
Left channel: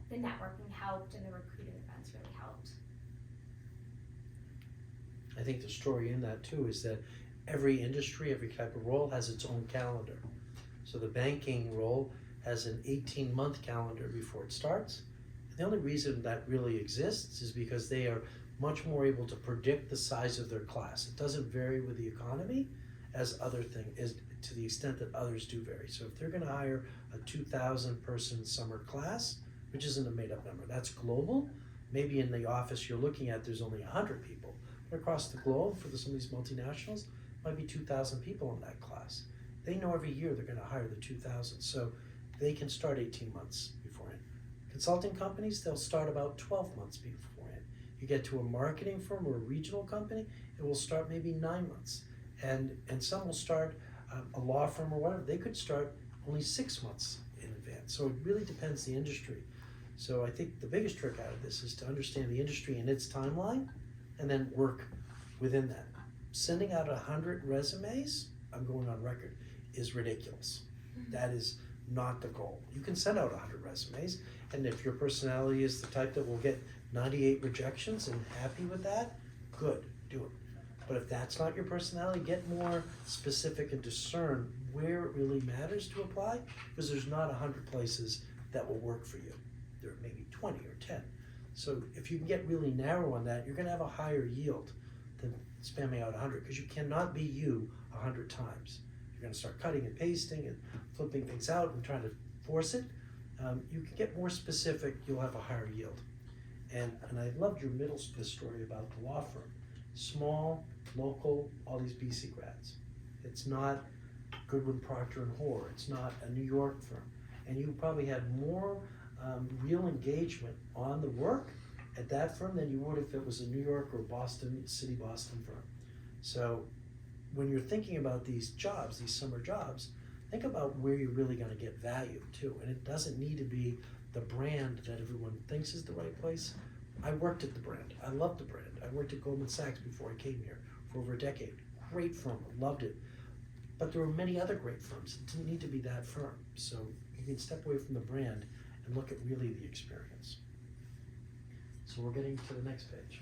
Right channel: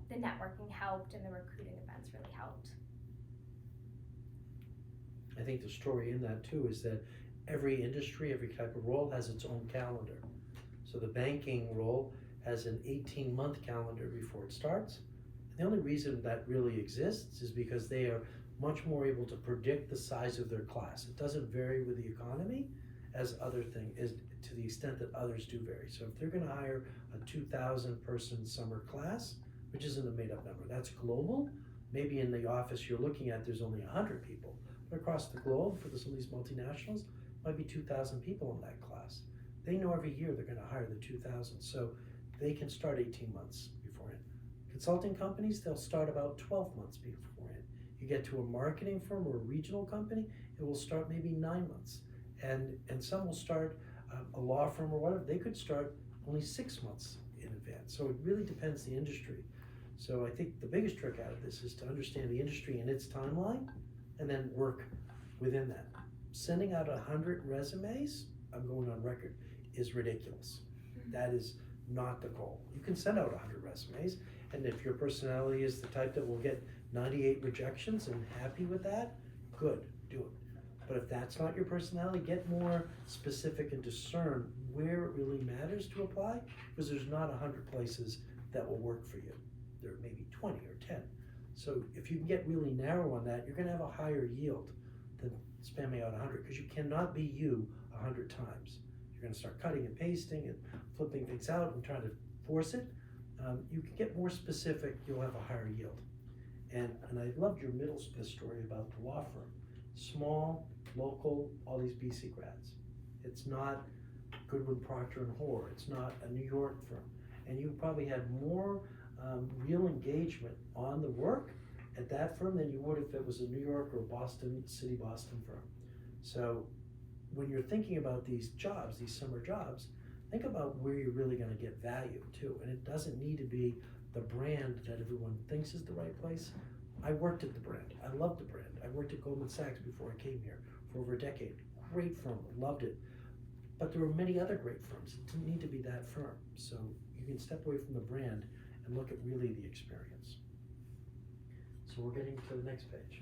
the networking helped, and the recruiting events really helped. I think the story in that too is that every industry, every type of role has its own calendar. So the banking role has an 18-month calendar before it starts, and The only reason that really exists is because they are much more able to predict the size of their class. It doesn't vary with the economy as other thing is to the extent that others do vary. So if they're gonna hire a 2,000 person summer class, which isn't a made up number, that's global. Maybe in the office you're looking at, there's only 100 people. But across the globe, for some of these multinationals, might be 2,000 people in that class. They know every year they're gonna hire the 2,000. So they can start 18 months beforehand. Consulting companies, they'll start about 12 months beforehand. You get to a marketing firm or a regional company, it will start maybe 9 months. And some will start, a law firm or whatever, they could start only 6 months in advance. So it really depends the industry. So I think the biggest trick out of this is to understand the industry and its timeline and then work within that. Sending out 100 resumes, I'm going on record, is ridiculous. That is not the goal. You can send out 100 resumes, and if your personality is the type that will get 98 rejections and happy with that, good, do it. But if that's not your personality, get more specific and discern where it really matters to apply, because there's not 100 places that will work for you. There may be 20 or 10. So if you can get really narrow on that, you're gonna have a higher yield than spamming out 100, because you cannot be you 100 times. You're gonna start cutting and pasting and flipping things out and trying to force it. You can get more specific, you'll have a higher yield. And I loved your middle story about the law firm. Small, local, all these BC grads. It's not Goodwin, Procter & Hoare. It's not a New York firm. And you probably had more real engagement on the work at that firm than you would if it was a New York or Boston firm. So when you're thinking about these jobs, these summer jobs, think about where you're really gonna get value too. And it doesn't need to be the brand that everyone thinks is the right place. I worked at the brand. I loved the brand. I worked at Goldman Sachs before I came here for over a decade. Great firm, loved it. But there were many other great firms. It didn't need to be that firm. So you can step away from the brand and look at really the experience. So we're getting to the next page.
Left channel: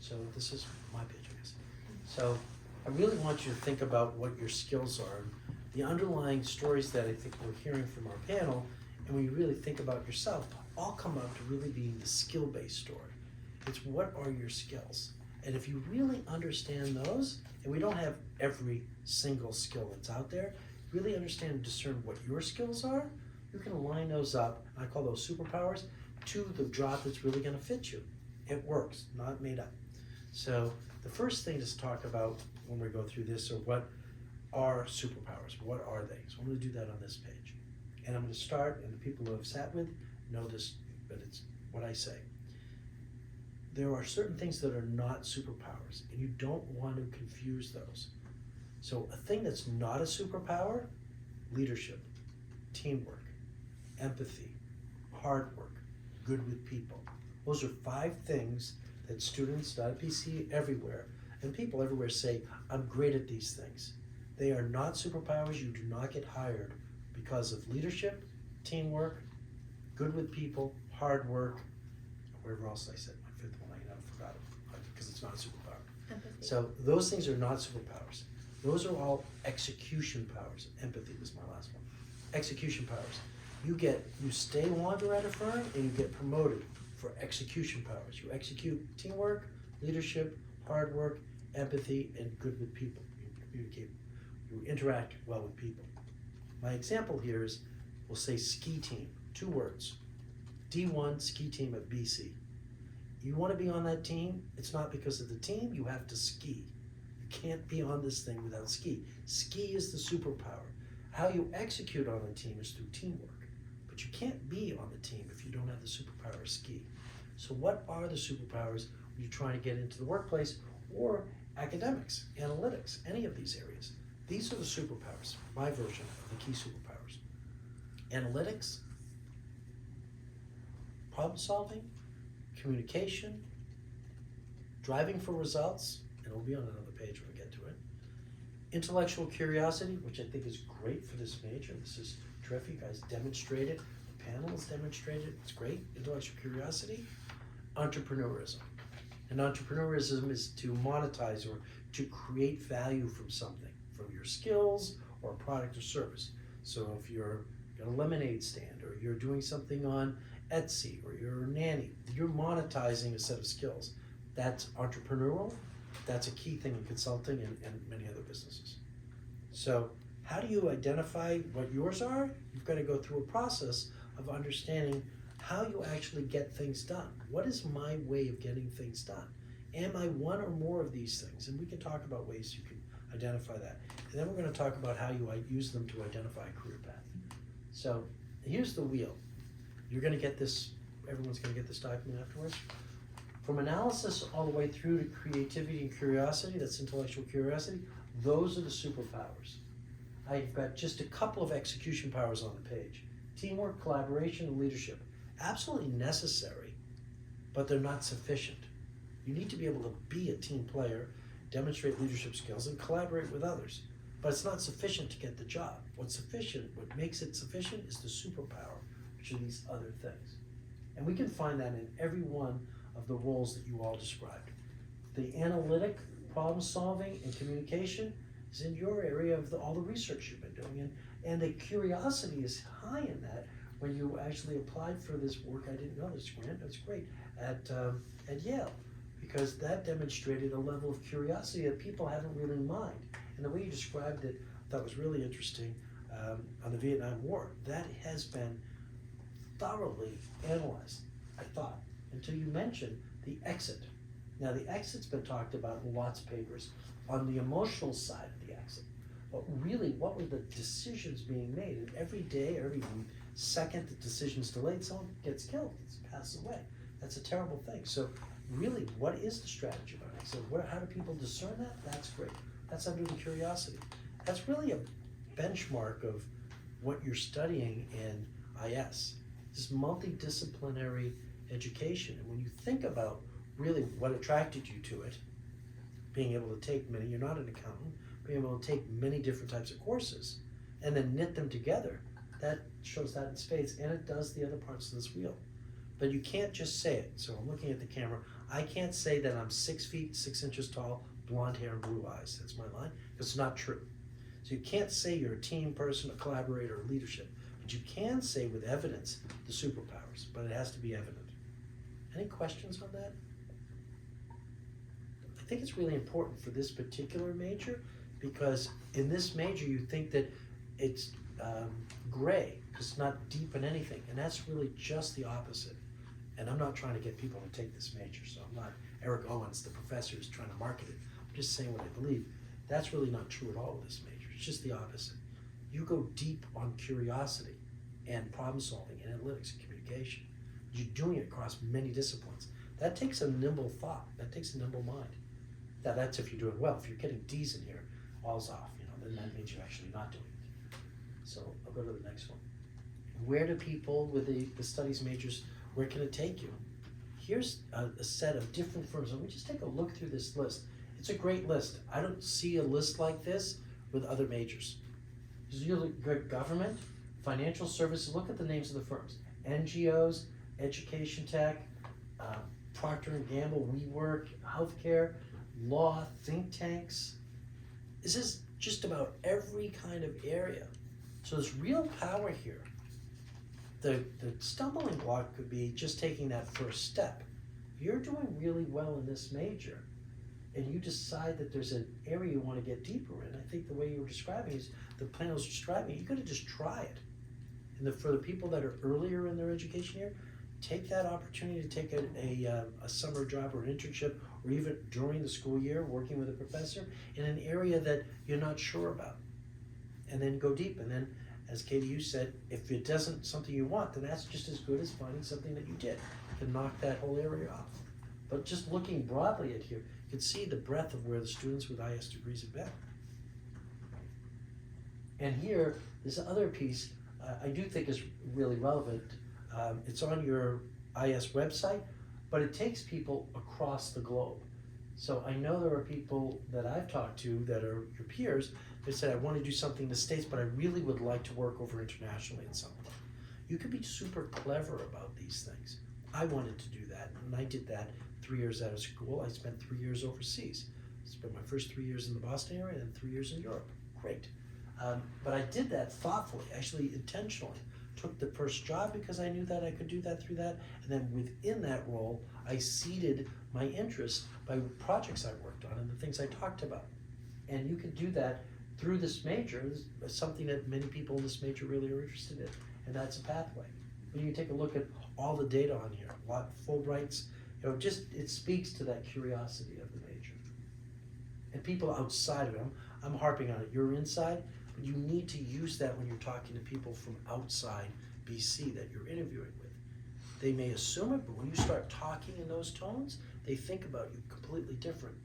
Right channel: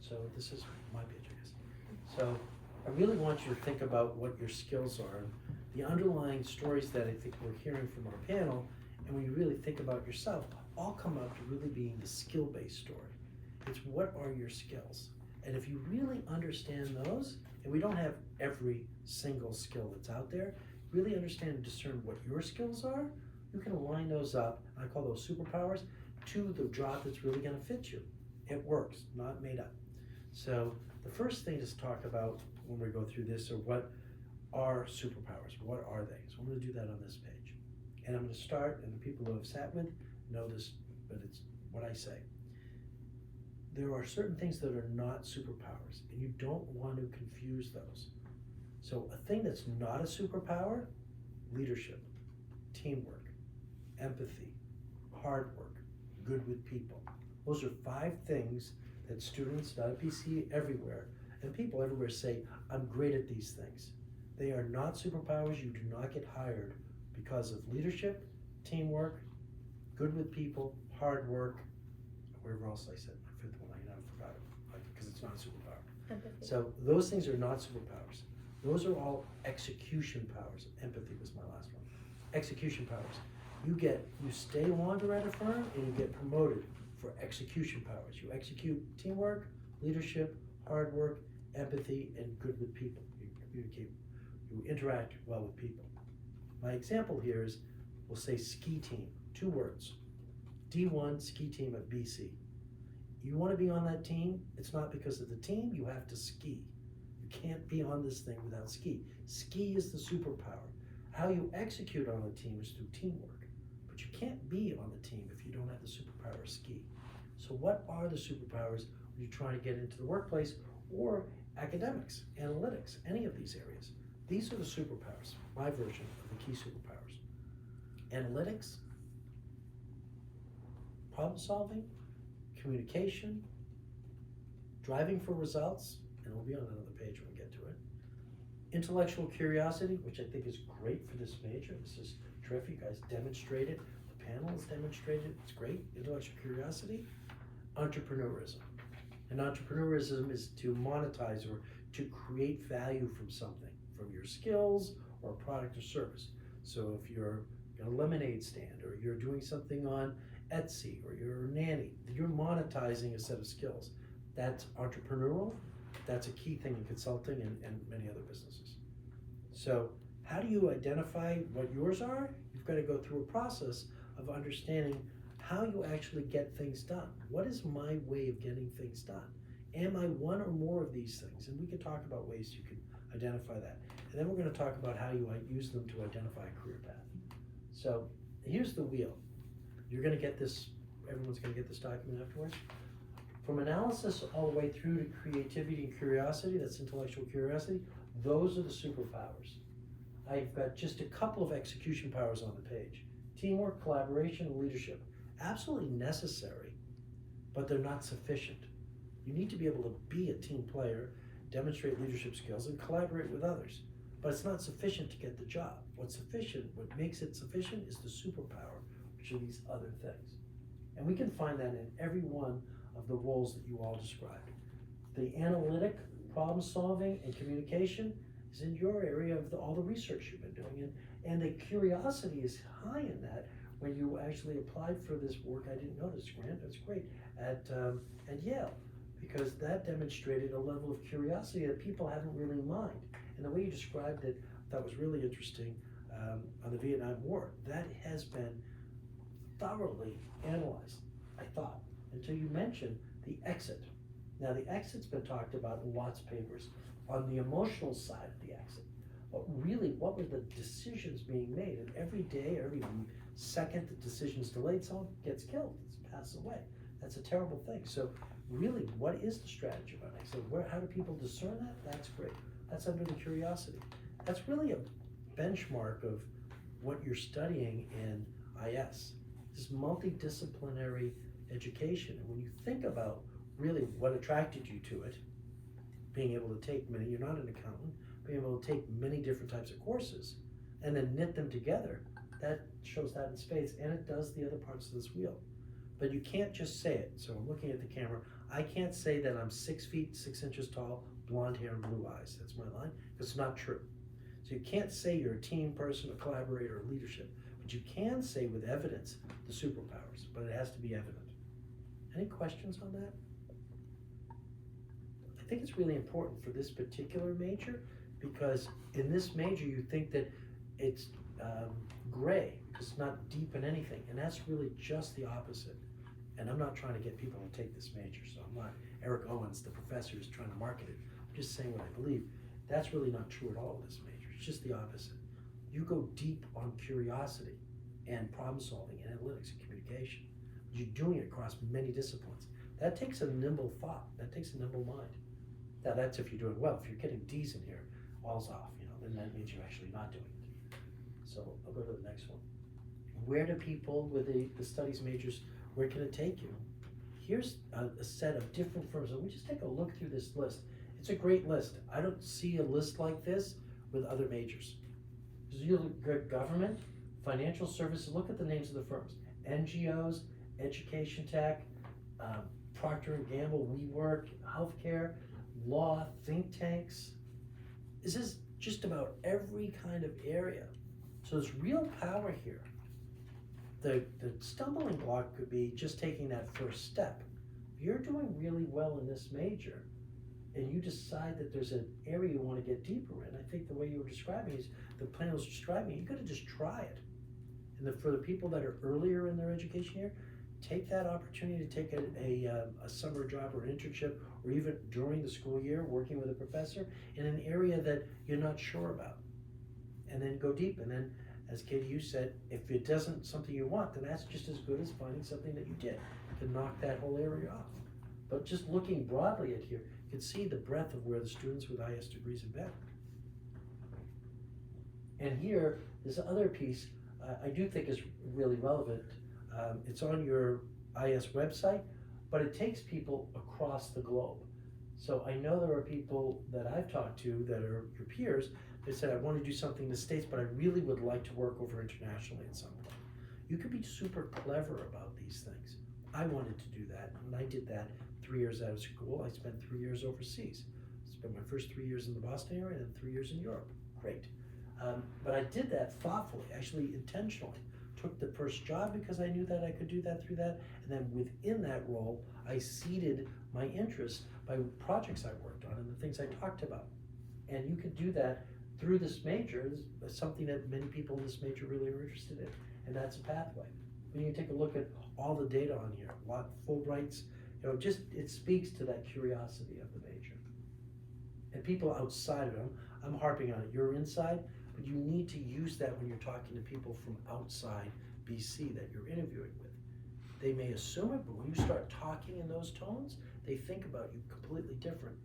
So this is my page, I guess. So I really want you to think about what your skills are. The underlying stories that I think we're hearing from our panel, and when you really think about yourself, all come up to really being the skill-based story. It's what are your skills? And if you really understand those, and we don't have every single skill that's out there, really understand and discern what your skills are, you can align those up, I call those superpowers, to the job that's really gonna fit you. It works, not made up. So the first thing to talk about when we go through this are what are superpowers? What are they? So I'm gonna do that on this page. And I'm gonna start, and the people who have sat with know this, but it's what I say. There are certain things that are not superpowers, and you don't want to confuse those. So a thing that's not a superpower, leadership, teamwork, empathy, hard work, good with people. Those are 5 things that students, not at PC, everywhere, and people everywhere say, I'm great at these things. They are not superpowers. You do not get hired because of leadership, teamwork, good with people, hard work, wherever else I said, my 5th one, I forgot it, because it's not a superpower. Empathy. So those things are not superpowers. Those are all execution powers. Empathy was my last one. Execution powers. You stay longer at a firm and you get promoted for execution powers. You execute teamwork, leadership, hard work, empathy, and good with people. You communicate, you interact well with people. My example here is, we'll say ski team, 2 words. D1 ski team at BC. You want to be on that team, it's not because of the team, you have to ski. You can't be on this thing without ski. Ski is the superpower. How you execute on a team is through teamwork. But you can't be on the team if you don't have the superpower of ski. So what are the superpowers when you're trying to get into the workplace or academics, analytics, any of these areas? These are the superpowers, my version of the key superpowers. Analytics, problem solving, communication, driving for results, and it'll be on another page when we get to it. Intellectual curiosity, which I think is great for this major. This is terrific. You guys demonstrated, the panel has demonstrated, it's great. Intellectual curiosity. Entrepreneurism. And entrepreneurism is to monetize or to create value from something, from your skills or product or service. So if you're a lemonade stand or you're doing something on Etsy or you're a nanny, you're monetizing a set of skills. That's entrepreneurial. That's a key thing in consulting and many other businesses. So how do you identify what yours are? You've got to go through a process of understanding how you actually get things done. What is my way of getting things done? Am I one or more of these things? And we can talk about ways you can identify that. And then we're going to talk about how you use them to identify a career path. So here's the wheel. You're going to get this, everyone's going to get this document afterwards. From analysis all the way through to creativity and curiosity, that's intellectual curiosity, those are the superpowers. I've got just a couple of execution powers on the page. Teamwork, collaboration, and leadership. Absolutely necessary, but they're not sufficient. You need to be able to be a team player, demonstrate leadership skills, and collaborate with others. But it's not sufficient to get the job. What's sufficient, what makes it sufficient is the superpower, which are these other things. And we can find that in every one of the roles that you all described. The analytic, problem solving, and communication is in your area of all the research you've been doing. And the curiosity is high in that. When you actually applied for this work, I didn't know this grant, that's great, at Yale, because that demonstrated a level of curiosity that people haven't really mined. And the way you described it, I thought was really interesting on the Vietnam War. That has been thoroughly analyzed, I thought, until you mentioned the exit. Now the exit's been talked about in lots of papers on the emotional side of the exit. But really, what were the decisions being made? And every day, every second the decision's delayed, someone gets killed, passes away. That's a terrible thing. So really, what is the strategy about exit? How do people discern that? That's great. That's under the curiosity. That's really a benchmark of what you're studying in IS. This multidisciplinary education. And when you think about really what attracted you to it, being able to take many, you're not an accountant, being able to take many different types of courses and then knit them together, that shows that in spades, and it does the other parts of this wheel. But you can't just say it. So I'm looking at the camera. I can't say that I'm 6 feet, 6 inches tall, blonde hair and blue eyes. That's my line. It's not true. So you can't say you're a team person, a collaborator, or leadership. But you can say with evidence the superpowers, but it has to be evident. Any questions on that? I think it's really important for this particular major, because in this major you think that it's gray, it's not deep in anything, and that's really just the opposite. And I'm not trying to get people to take this major, so I'm not Eric Owens, the professor who's trying to market it. I'm just saying what I believe. That's really not true at all with this major. It's just the opposite. You go deep on curiosity and problem solving, analytics, and communication. You're doing it across many disciplines. That takes a nimble thought. That takes a nimble mind. That's if you're doing well. If you're getting D's in here, all's off, then that means you're actually not doing it. So I'll go to the next one. Where do people with the studies majors, where can it take you? Here's a set of different firms, and we just take a look through this list. It's a great list. I don't see a list like this with other majors. You look good, government, financial services, look at the names of the firms. NGOs, education tech, Procter & Gamble, WeWork, healthcare, law, think tanks. This is just about every kind of area. So there's real power here. The stumbling block could be just taking that first step. You're doing really well in this major, and you decide that there's an area you want to get deeper in. I think the way you were describing is, the plan was describing, you gotta just try it. And for the people that are earlier in their education year, take that opportunity to take a summer job or an internship, or even during the school year, working with a professor in an area that you're not sure about. And then go deep. And then, as Katie, you said, if it doesn't something you want, then that's just as good as finding something that you did to knock that whole area off. But just looking broadly at here, you can see the breadth of where the students with IS degrees have been. And here, this other piece, I do think is really relevant. It's on your IS website, but it takes people across the globe. So I know there are people that I've talked to that are your peers that said, I want to do something in the States, but I really would like to work over internationally at some point. You can be super clever about these things. I wanted to do that, and I did that 3 years out of school. I spent 3 years overseas. I spent my first 3 years in the Boston area and 3 years in Europe. Great. But I did that thoughtfully, actually intentionally, took the first job because I knew that I could do that through that, and then within that role, I seeded my interest by projects I worked on and the things I talked about. And you could do that through this major. This is something that many people in this major really are interested in, and that's a pathway. When you take a look at all the data on here, a lot of Fulbrights, just it speaks to that curiosity of the major. And people outside of it, I'm harping on it, you're inside, but you need to use that when you're talking to people from outside BC that you're interviewing with. They may assume it, but when you start talking in those tones, they think about you completely different.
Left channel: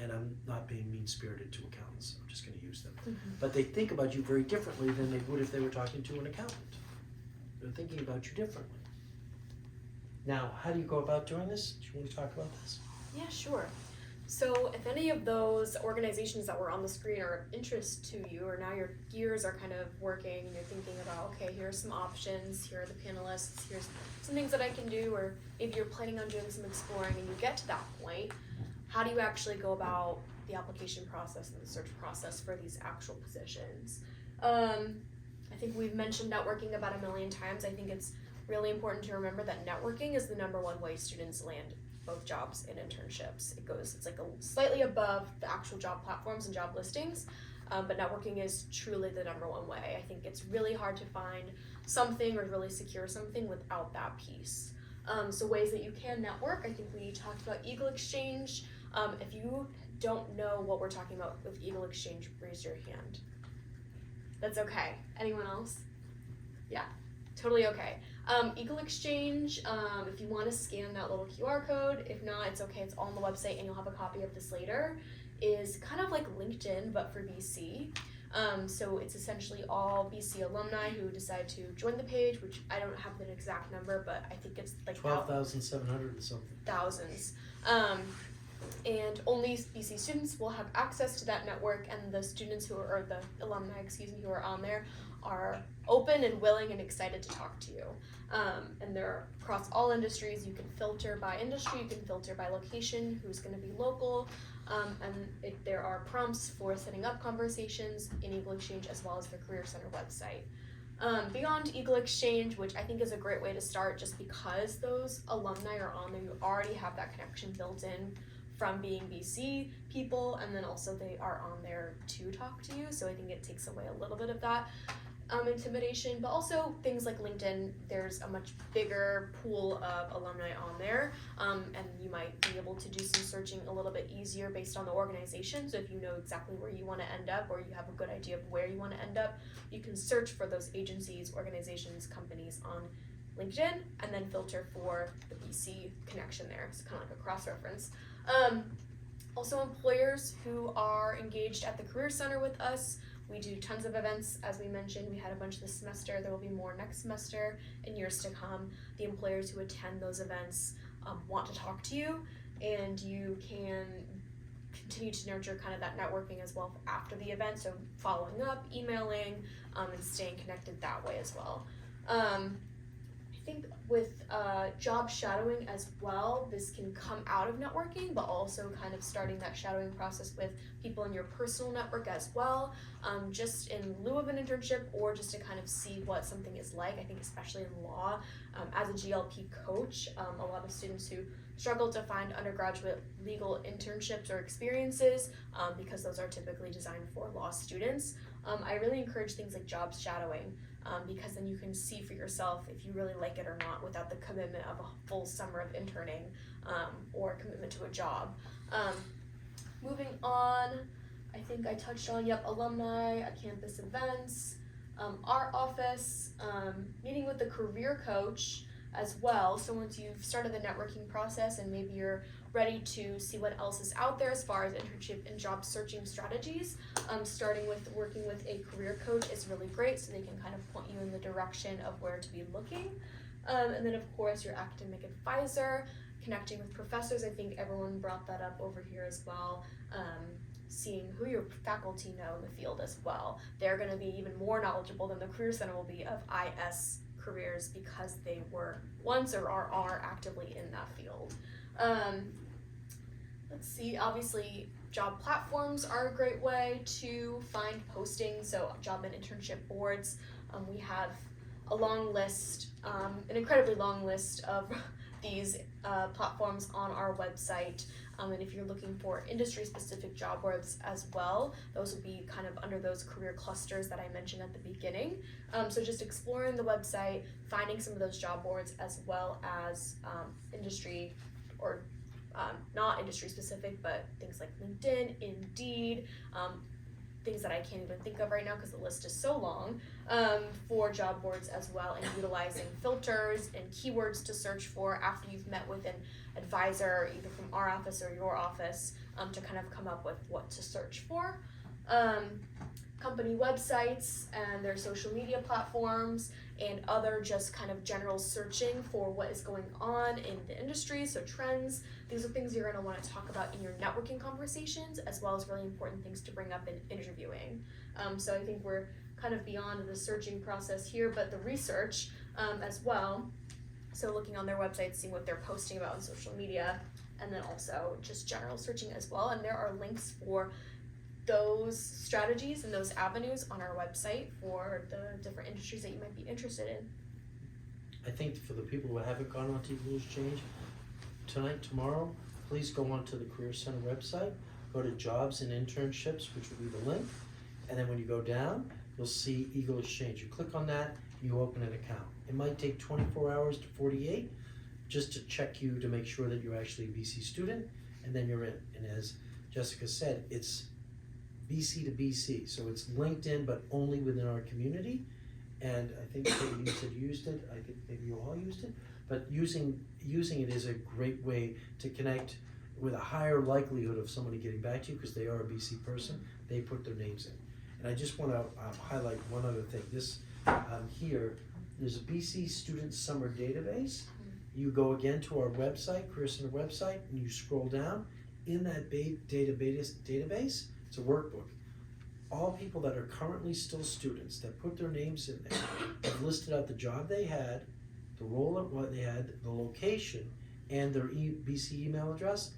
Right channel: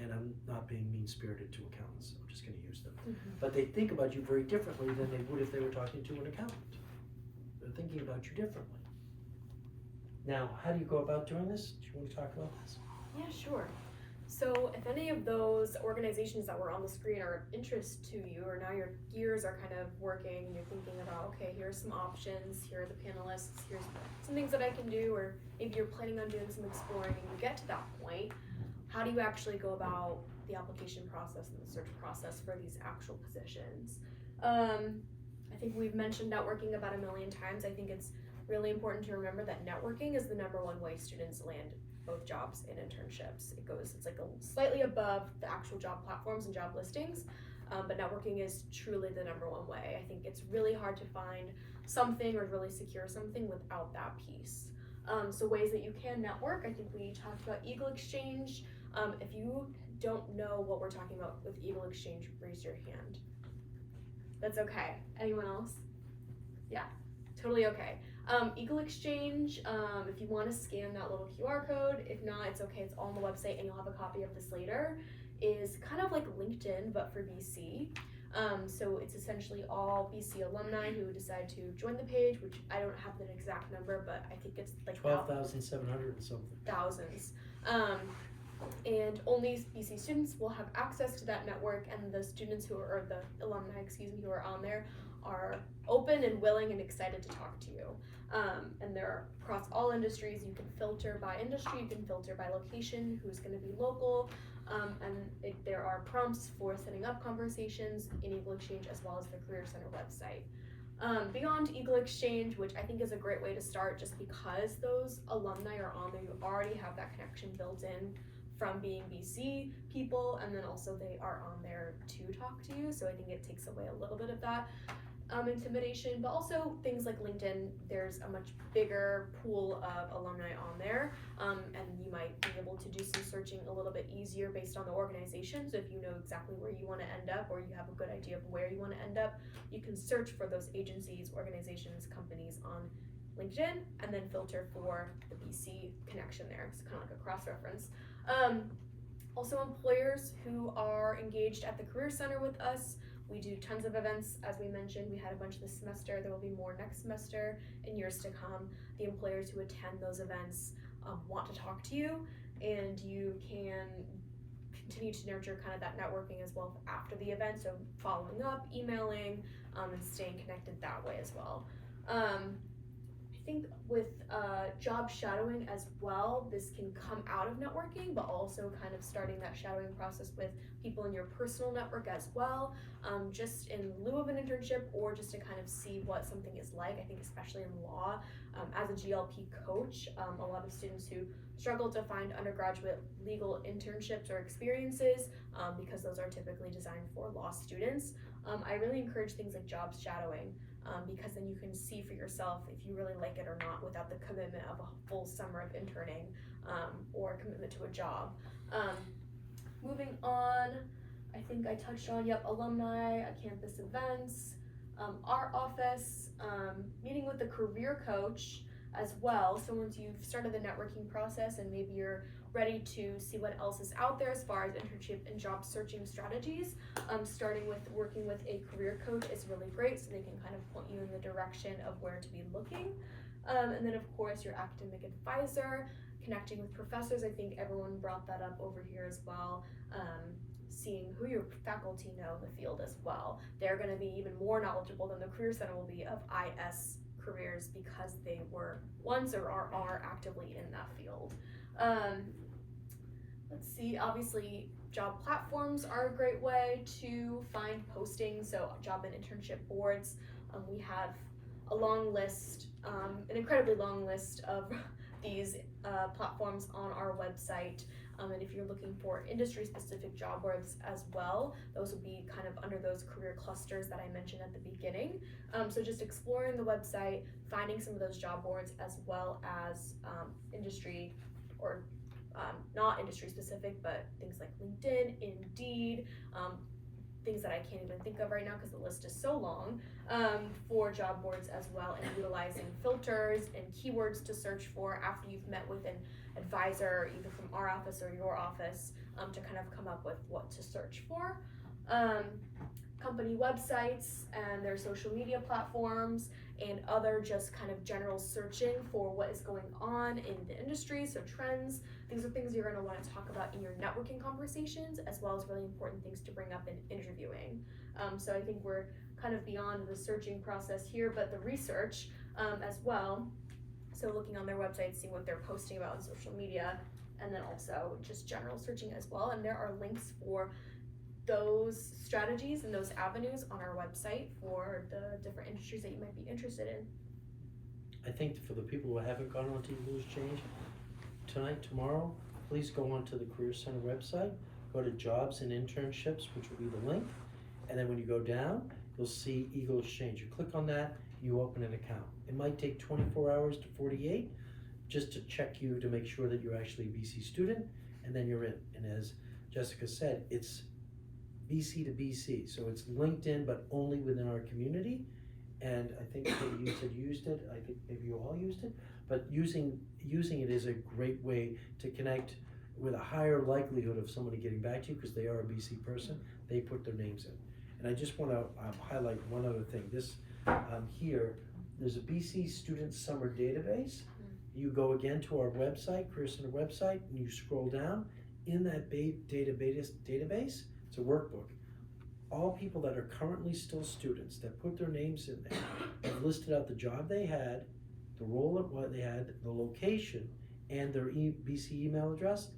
And I'm not being mean-spirited to accountants, I'm just gonna use them. But they think about you very differently than they would if they were talking to an accountant. They're thinking about you differently. Now, how do you go about doing this? Do you want to talk about this? Yeah, sure. So if any of those organizations that were on the screen are interest to you, or now your gears are kind of working and you're thinking about, okay, here's some options, here are the panelists, here's some things that I can do, or maybe you're planning on doing some exploring and you get to that point, how do you actually go about the application process and the search process for these actual positions? I think we've mentioned networking about 1 million times. I think it's really important to remember that networking is the #1 way students land both jobs and internships. It's like slightly above the actual job platforms and job listings, but networking is truly the #1 way. I think it's really hard to find something or really secure something without that piece. So ways that you can network, I think we talked about Eagle Exchange. If you don't know what we're talking about with Eagle Exchange, raise your hand. That's okay. Anyone else? Yeah, totally okay. Eagle Exchange, if you want to scan that little QR code, if not, it's okay, it's all on the website and you'll have a copy of this later, is kind of like LinkedIn, but for BC. So it's essentially all BC alumni who decide to join the page, which I don't have an exact number, but I think it's like 12,700 and something. thousands. And only BC students will have access to that network, and the students who are, or the alumni, who are on there are open and willing and excited to talk to you. And they're across all industries. You can filter by industry, you can filter by location, who's going to be local, and there are prompts for setting up conversations in Eagle Exchange as well as the Career Center website. Beyond Eagle Exchange, which I think is a great way to start just because those alumni are on there, you already have that connection built in from being BC people, and then also they are on there to talk to you, so I think it takes away a little bit of that intimidation. But also things like LinkedIn, there's a much bigger pool of alumni on there, and you might be able to do some searching a little bit easier based on the organization. So if you know exactly where you want to end up, or you have a good idea of where you want to end up, you can search for those agencies, organizations, companies on LinkedIn, and then filter for the BC connection there. It's kind of like a cross-reference. Also employers who are engaged at the Career Center with us, we do tons of events. As we mentioned, we had a bunch this semester. There will be more next semester and years to come. The employers who attend those events want to talk to you, and you can continue to nurture kind of that networking as well after the event. So following up, emailing, and staying connected that way as well. I think with job shadowing as well, this can come out of networking, but also kind of starting that shadowing process with people in your personal network as well, just in lieu of an internship, or just to kind of see what something is like. I think especially in law, as a GLP coach, a lot of students who struggle to find undergraduate legal internships or experiences, because those are typically designed for law students. I really encourage things like job shadowing, because then you can see for yourself if you really like it or not without the commitment of a full summer of interning, or a commitment to a job. Moving on, I think I touched on, alumni, campus events, our office, meeting with the career coach as well. So once you've started the networking process and maybe you're ready to see what else is out there as far as internship and job searching strategies, starting with working with a career coach is really great, so they can kind of point you in the direction of where to be looking. And then of course your academic advisor, connecting with professors. I think everyone brought that up over here as well. Seeing who your faculty know in the field as well. They're going to be even more knowledgeable than the Career Center will be of IS careers, because they were once or are actively in that field. Let's see, obviously job platforms are a great way to find postings, so job and internship boards. We have a long list, an incredibly long list of these platforms on our website. And if you're looking for industry-specific job boards as well, those would be kind of under those career clusters that I mentioned at the beginning. So just exploring the website, finding some of those job boards as well as industry or not industry-specific, but things like LinkedIn, Indeed, things that I can't even think of right now because the list is so long, for job boards as well, and utilizing filters and keywords to search for after you've met with an advisor, either from our office or your office, to kind of come up with what to search for. Company websites and their social media platforms and other just kind of general searching for what is going on in the industry, so trends. These are things you're going to want to talk about in your networking conversations, as well as really important things to bring up in interviewing. So I think we're kind of beyond the searching process here, but the research as well. So looking on their website, seeing what they're posting about on social media, and then also just general searching as well. And there are links for those strategies and those avenues on our website for the different industries that you might be interested in. I think for the people who haven't gone on to Eagle Exchange, tonight, tomorrow, please go onto the Career Center website, go to Jobs and Internships, which will be the link, and then when you go down, you'll see Eagle Exchange. You click on that, you open an account. It might take 24 hours to 48 just to check you to make sure that you're actually a BC student, and then you're in. And as Jessica said, it's BC to BC, so it's LinkedIn, but only within our community. And I think that you said used it, I think maybe you all used it, but using it is a great way to connect with a higher likelihood of somebody getting back to you because they are a BC person. They put their names in. And I just want to highlight one other thing. This here, there's a BC Student Summer Database. You go again to our website, Career Center website, and you scroll down. In that database, it's a workbook. All people that are currently still students that put their names in there have listed out the job they had, the role of what they had, the location, and their BC email address.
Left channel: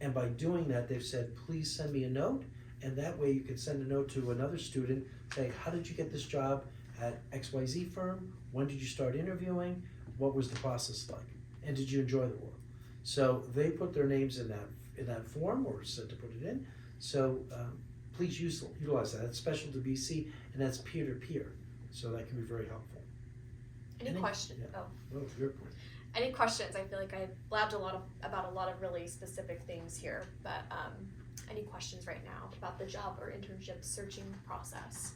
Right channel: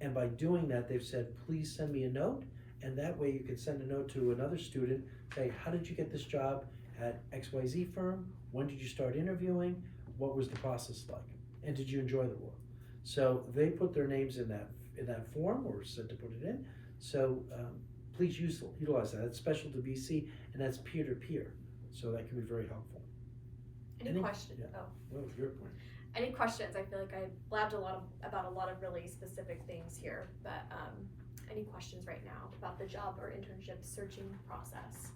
And by doing that, they've said, please send me a note. And that way you can send a note to another student, say, how did you get this job at XYZ firm? When did you start interviewing? What was the process like? And did you enjoy the role? So they put their names in that form, or said to put it in. So please utilize that. It's special to BC, and that's peer-to-peer. So that can be very helpful. Any questions? Yeah. Oh. Well, your point. Any questions? I feel like I blabbed about a lot of really specific things here, but any questions right now about the job or internship searching process?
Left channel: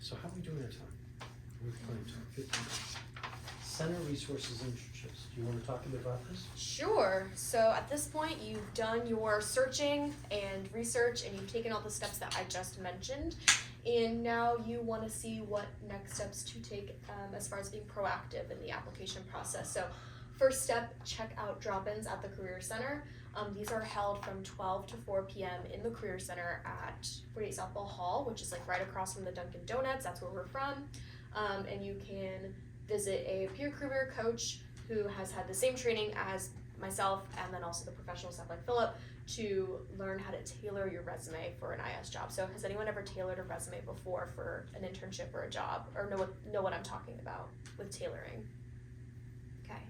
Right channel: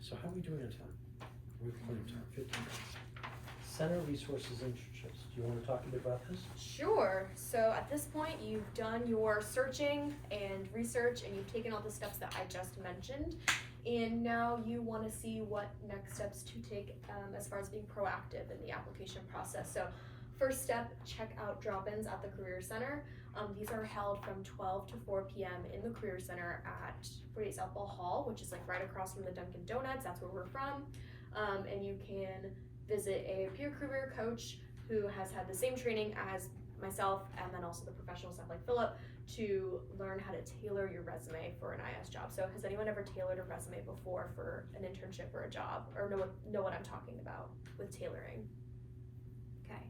So how are we doing our time? We're plenty of time, 15 minutes. Center Resources Internships. Do you want to talk a bit about this? Sure. So at this point, you've done your searching and research, and you've taken all the steps that I just mentioned. And now you want to see what next steps to take as far as being proactive in the application process. So first step, check out drop-ins at the Career Center. These are held from 12 to 4 p.m. in the Career Center at 48 Softball Hall, which is like right across from the Dunkin' Donuts. That's where we're from. And you can visit a peer career coach who has had the same training as myself, and then also the professional staff like Philip, to learn how to tailor your resume for an IS job. So has anyone ever tailored a resume before for an internship or a job, or know what I'm talking about with tailoring? Okay,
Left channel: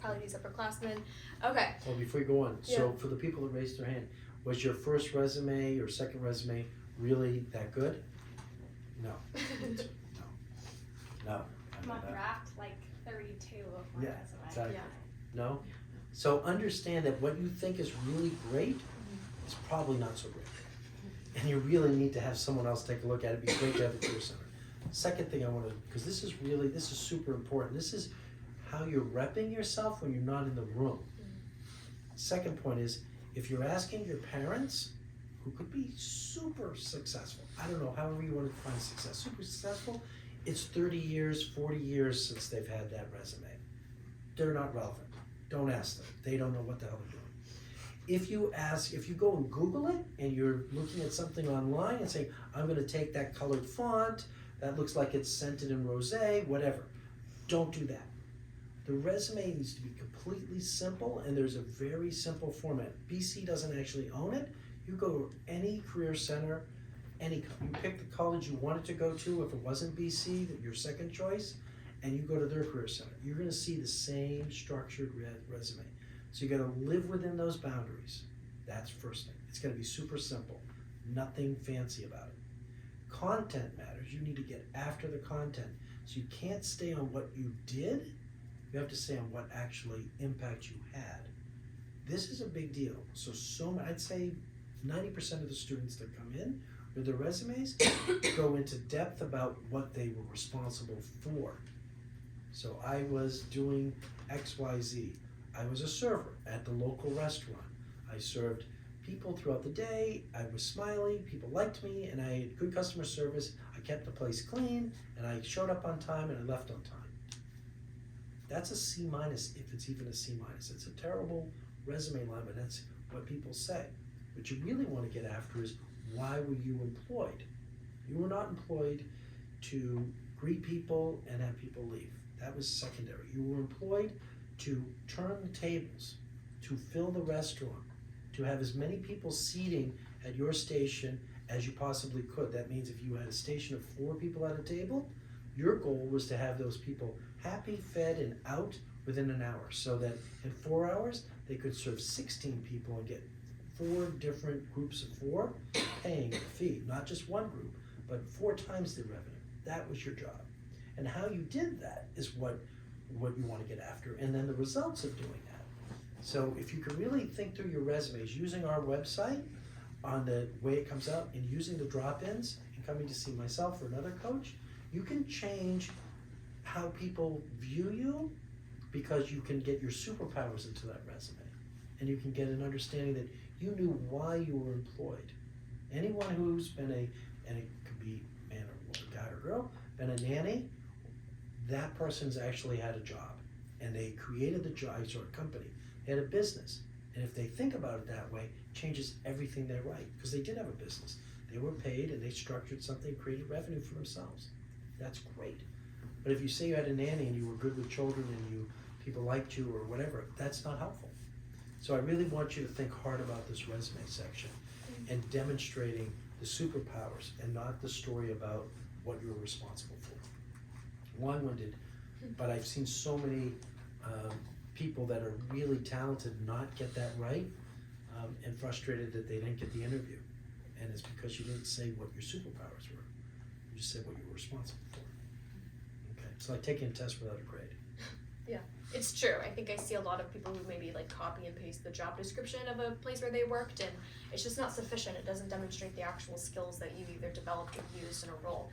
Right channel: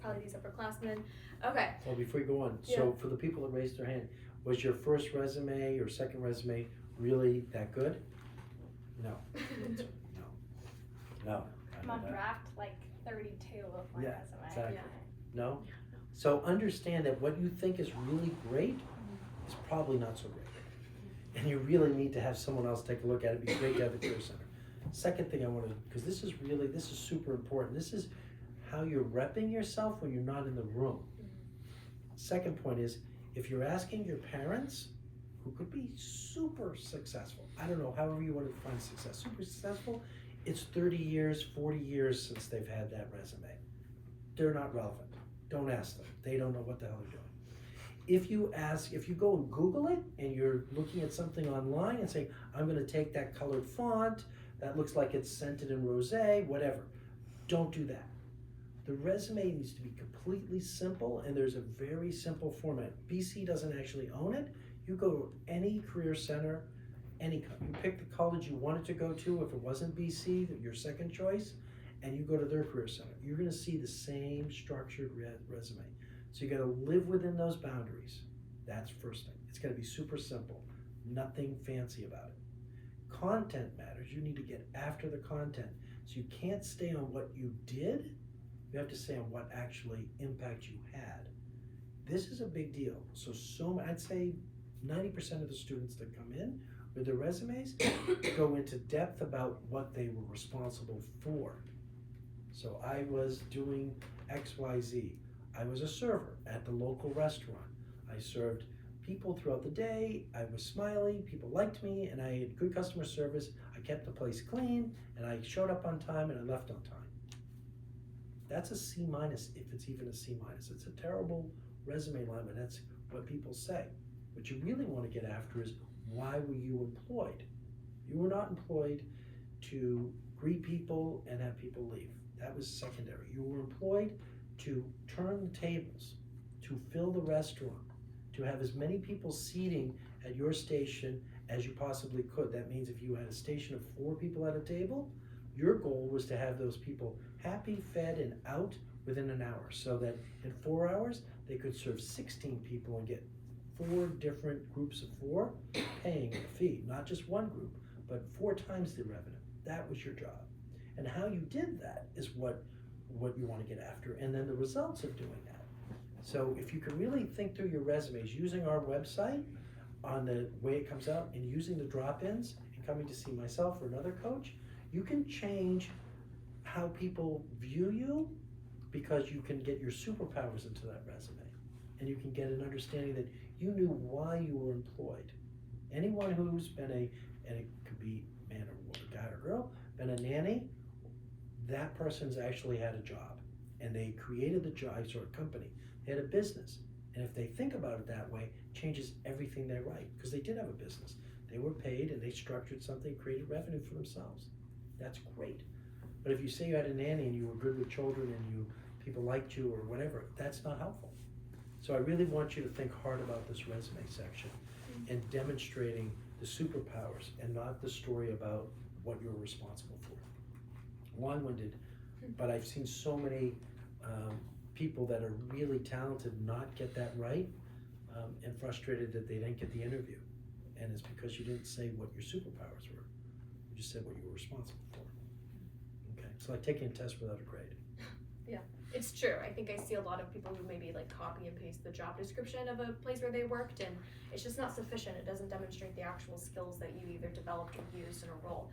probably these upperclassmen. Okay. Well, before you go on, so for the people that raised their hand, was your first resume or second resume really that good? No. No. I'm on draft like 32 of Yeah, resume. exactly. Yeah. No? So understand that what you think is really great is probably not so great. And you really need to have someone else take a look at it. It'd be great to have a Career Center. Second thing I want to, because this is super important. This is how you're repping yourself when you're not in the room. Second point is, if you're asking your parents, who could be super successful, I don't know, however you want to define success, super successful, it's 30 years, 40 years since they've had that resume. They're not relevant. Don't ask them. They don't know what the hell they're doing. If you go and Google it and you're looking at something online and say, I'm gonna take that colored font, that looks like it's scented in rosé, whatever. Don't do that. The resume needs to be completely simple, and there's a very simple format. BC doesn't actually own it. You go to any career center, you pick the college you wanted to go to if it wasn't BC, your second choice, and you go to their career center. You're gonna see the same structured resume. So you gotta live within those boundaries. That's first thing. It's gonna be super simple, nothing fancy about it. Content matters. You need to get after the content. So you can't stay on what you did, you have to stay on what actually impact you had. This is a big deal. I'd say 90% of the students that come in with their resumes go into depth about what they were responsible for. So I was doing XYZ. I was a server at the local restaurant. I served people throughout the day. I was smiley, people liked me, and I had good customer service. I kept the place clean, and I showed up on time, and I left on time. That's a C minus, if it's even a C minus. It's a terrible resume line, but that's what people say. What you really want to get after is, why were you employed? You were not employed to greet people and have people leave. That was secondary. You were employed to turn the tables, to fill the restaurant, to have as many people seating at your station as you possibly could. That means if you had a station of 4 people at a table, your goal was to have those people happy, fed, and out within an hour, so that in 4 hours, they could serve 16 people and get 4 different groups of 4 paying a fee, not just one group, but 4 times the revenue. That was your job. And how you did that is what you want to get after, and then the results of doing that. So if you can really think through your resumes using our website on the way it comes out and using the drop-ins and coming to see myself or another coach, you can change how people view you, because you can get your superpowers into that resume, and you can get an understanding that you knew why you were employed. Anyone who's been and it could be man or woman, guy or girl, been a nanny, that person's actually had a job, and they created the job, or a company, they had a business. And if they think about it that way, it changes everything they write, because they did have a business. They were paid and they structured something, created revenue for themselves. That's great. But if you say you had a nanny and you were good with children and people liked you or whatever, that's not helpful. So I really want you to think hard about this resume section and demonstrating the superpowers and not the story about what you were responsible for. Long-winded, but I've seen so many people that are really talented not get that right, and frustrated that they didn't get the interview. And it's because you didn't say what your superpowers were. You just said what you were responsible for. Okay, it's like taking a test without a grade. Yeah, it's true. I think I see a lot of people who maybe like copy and paste the job description of a place where they worked, and it's just not sufficient. It doesn't demonstrate the actual skills that you either developed or used in a role.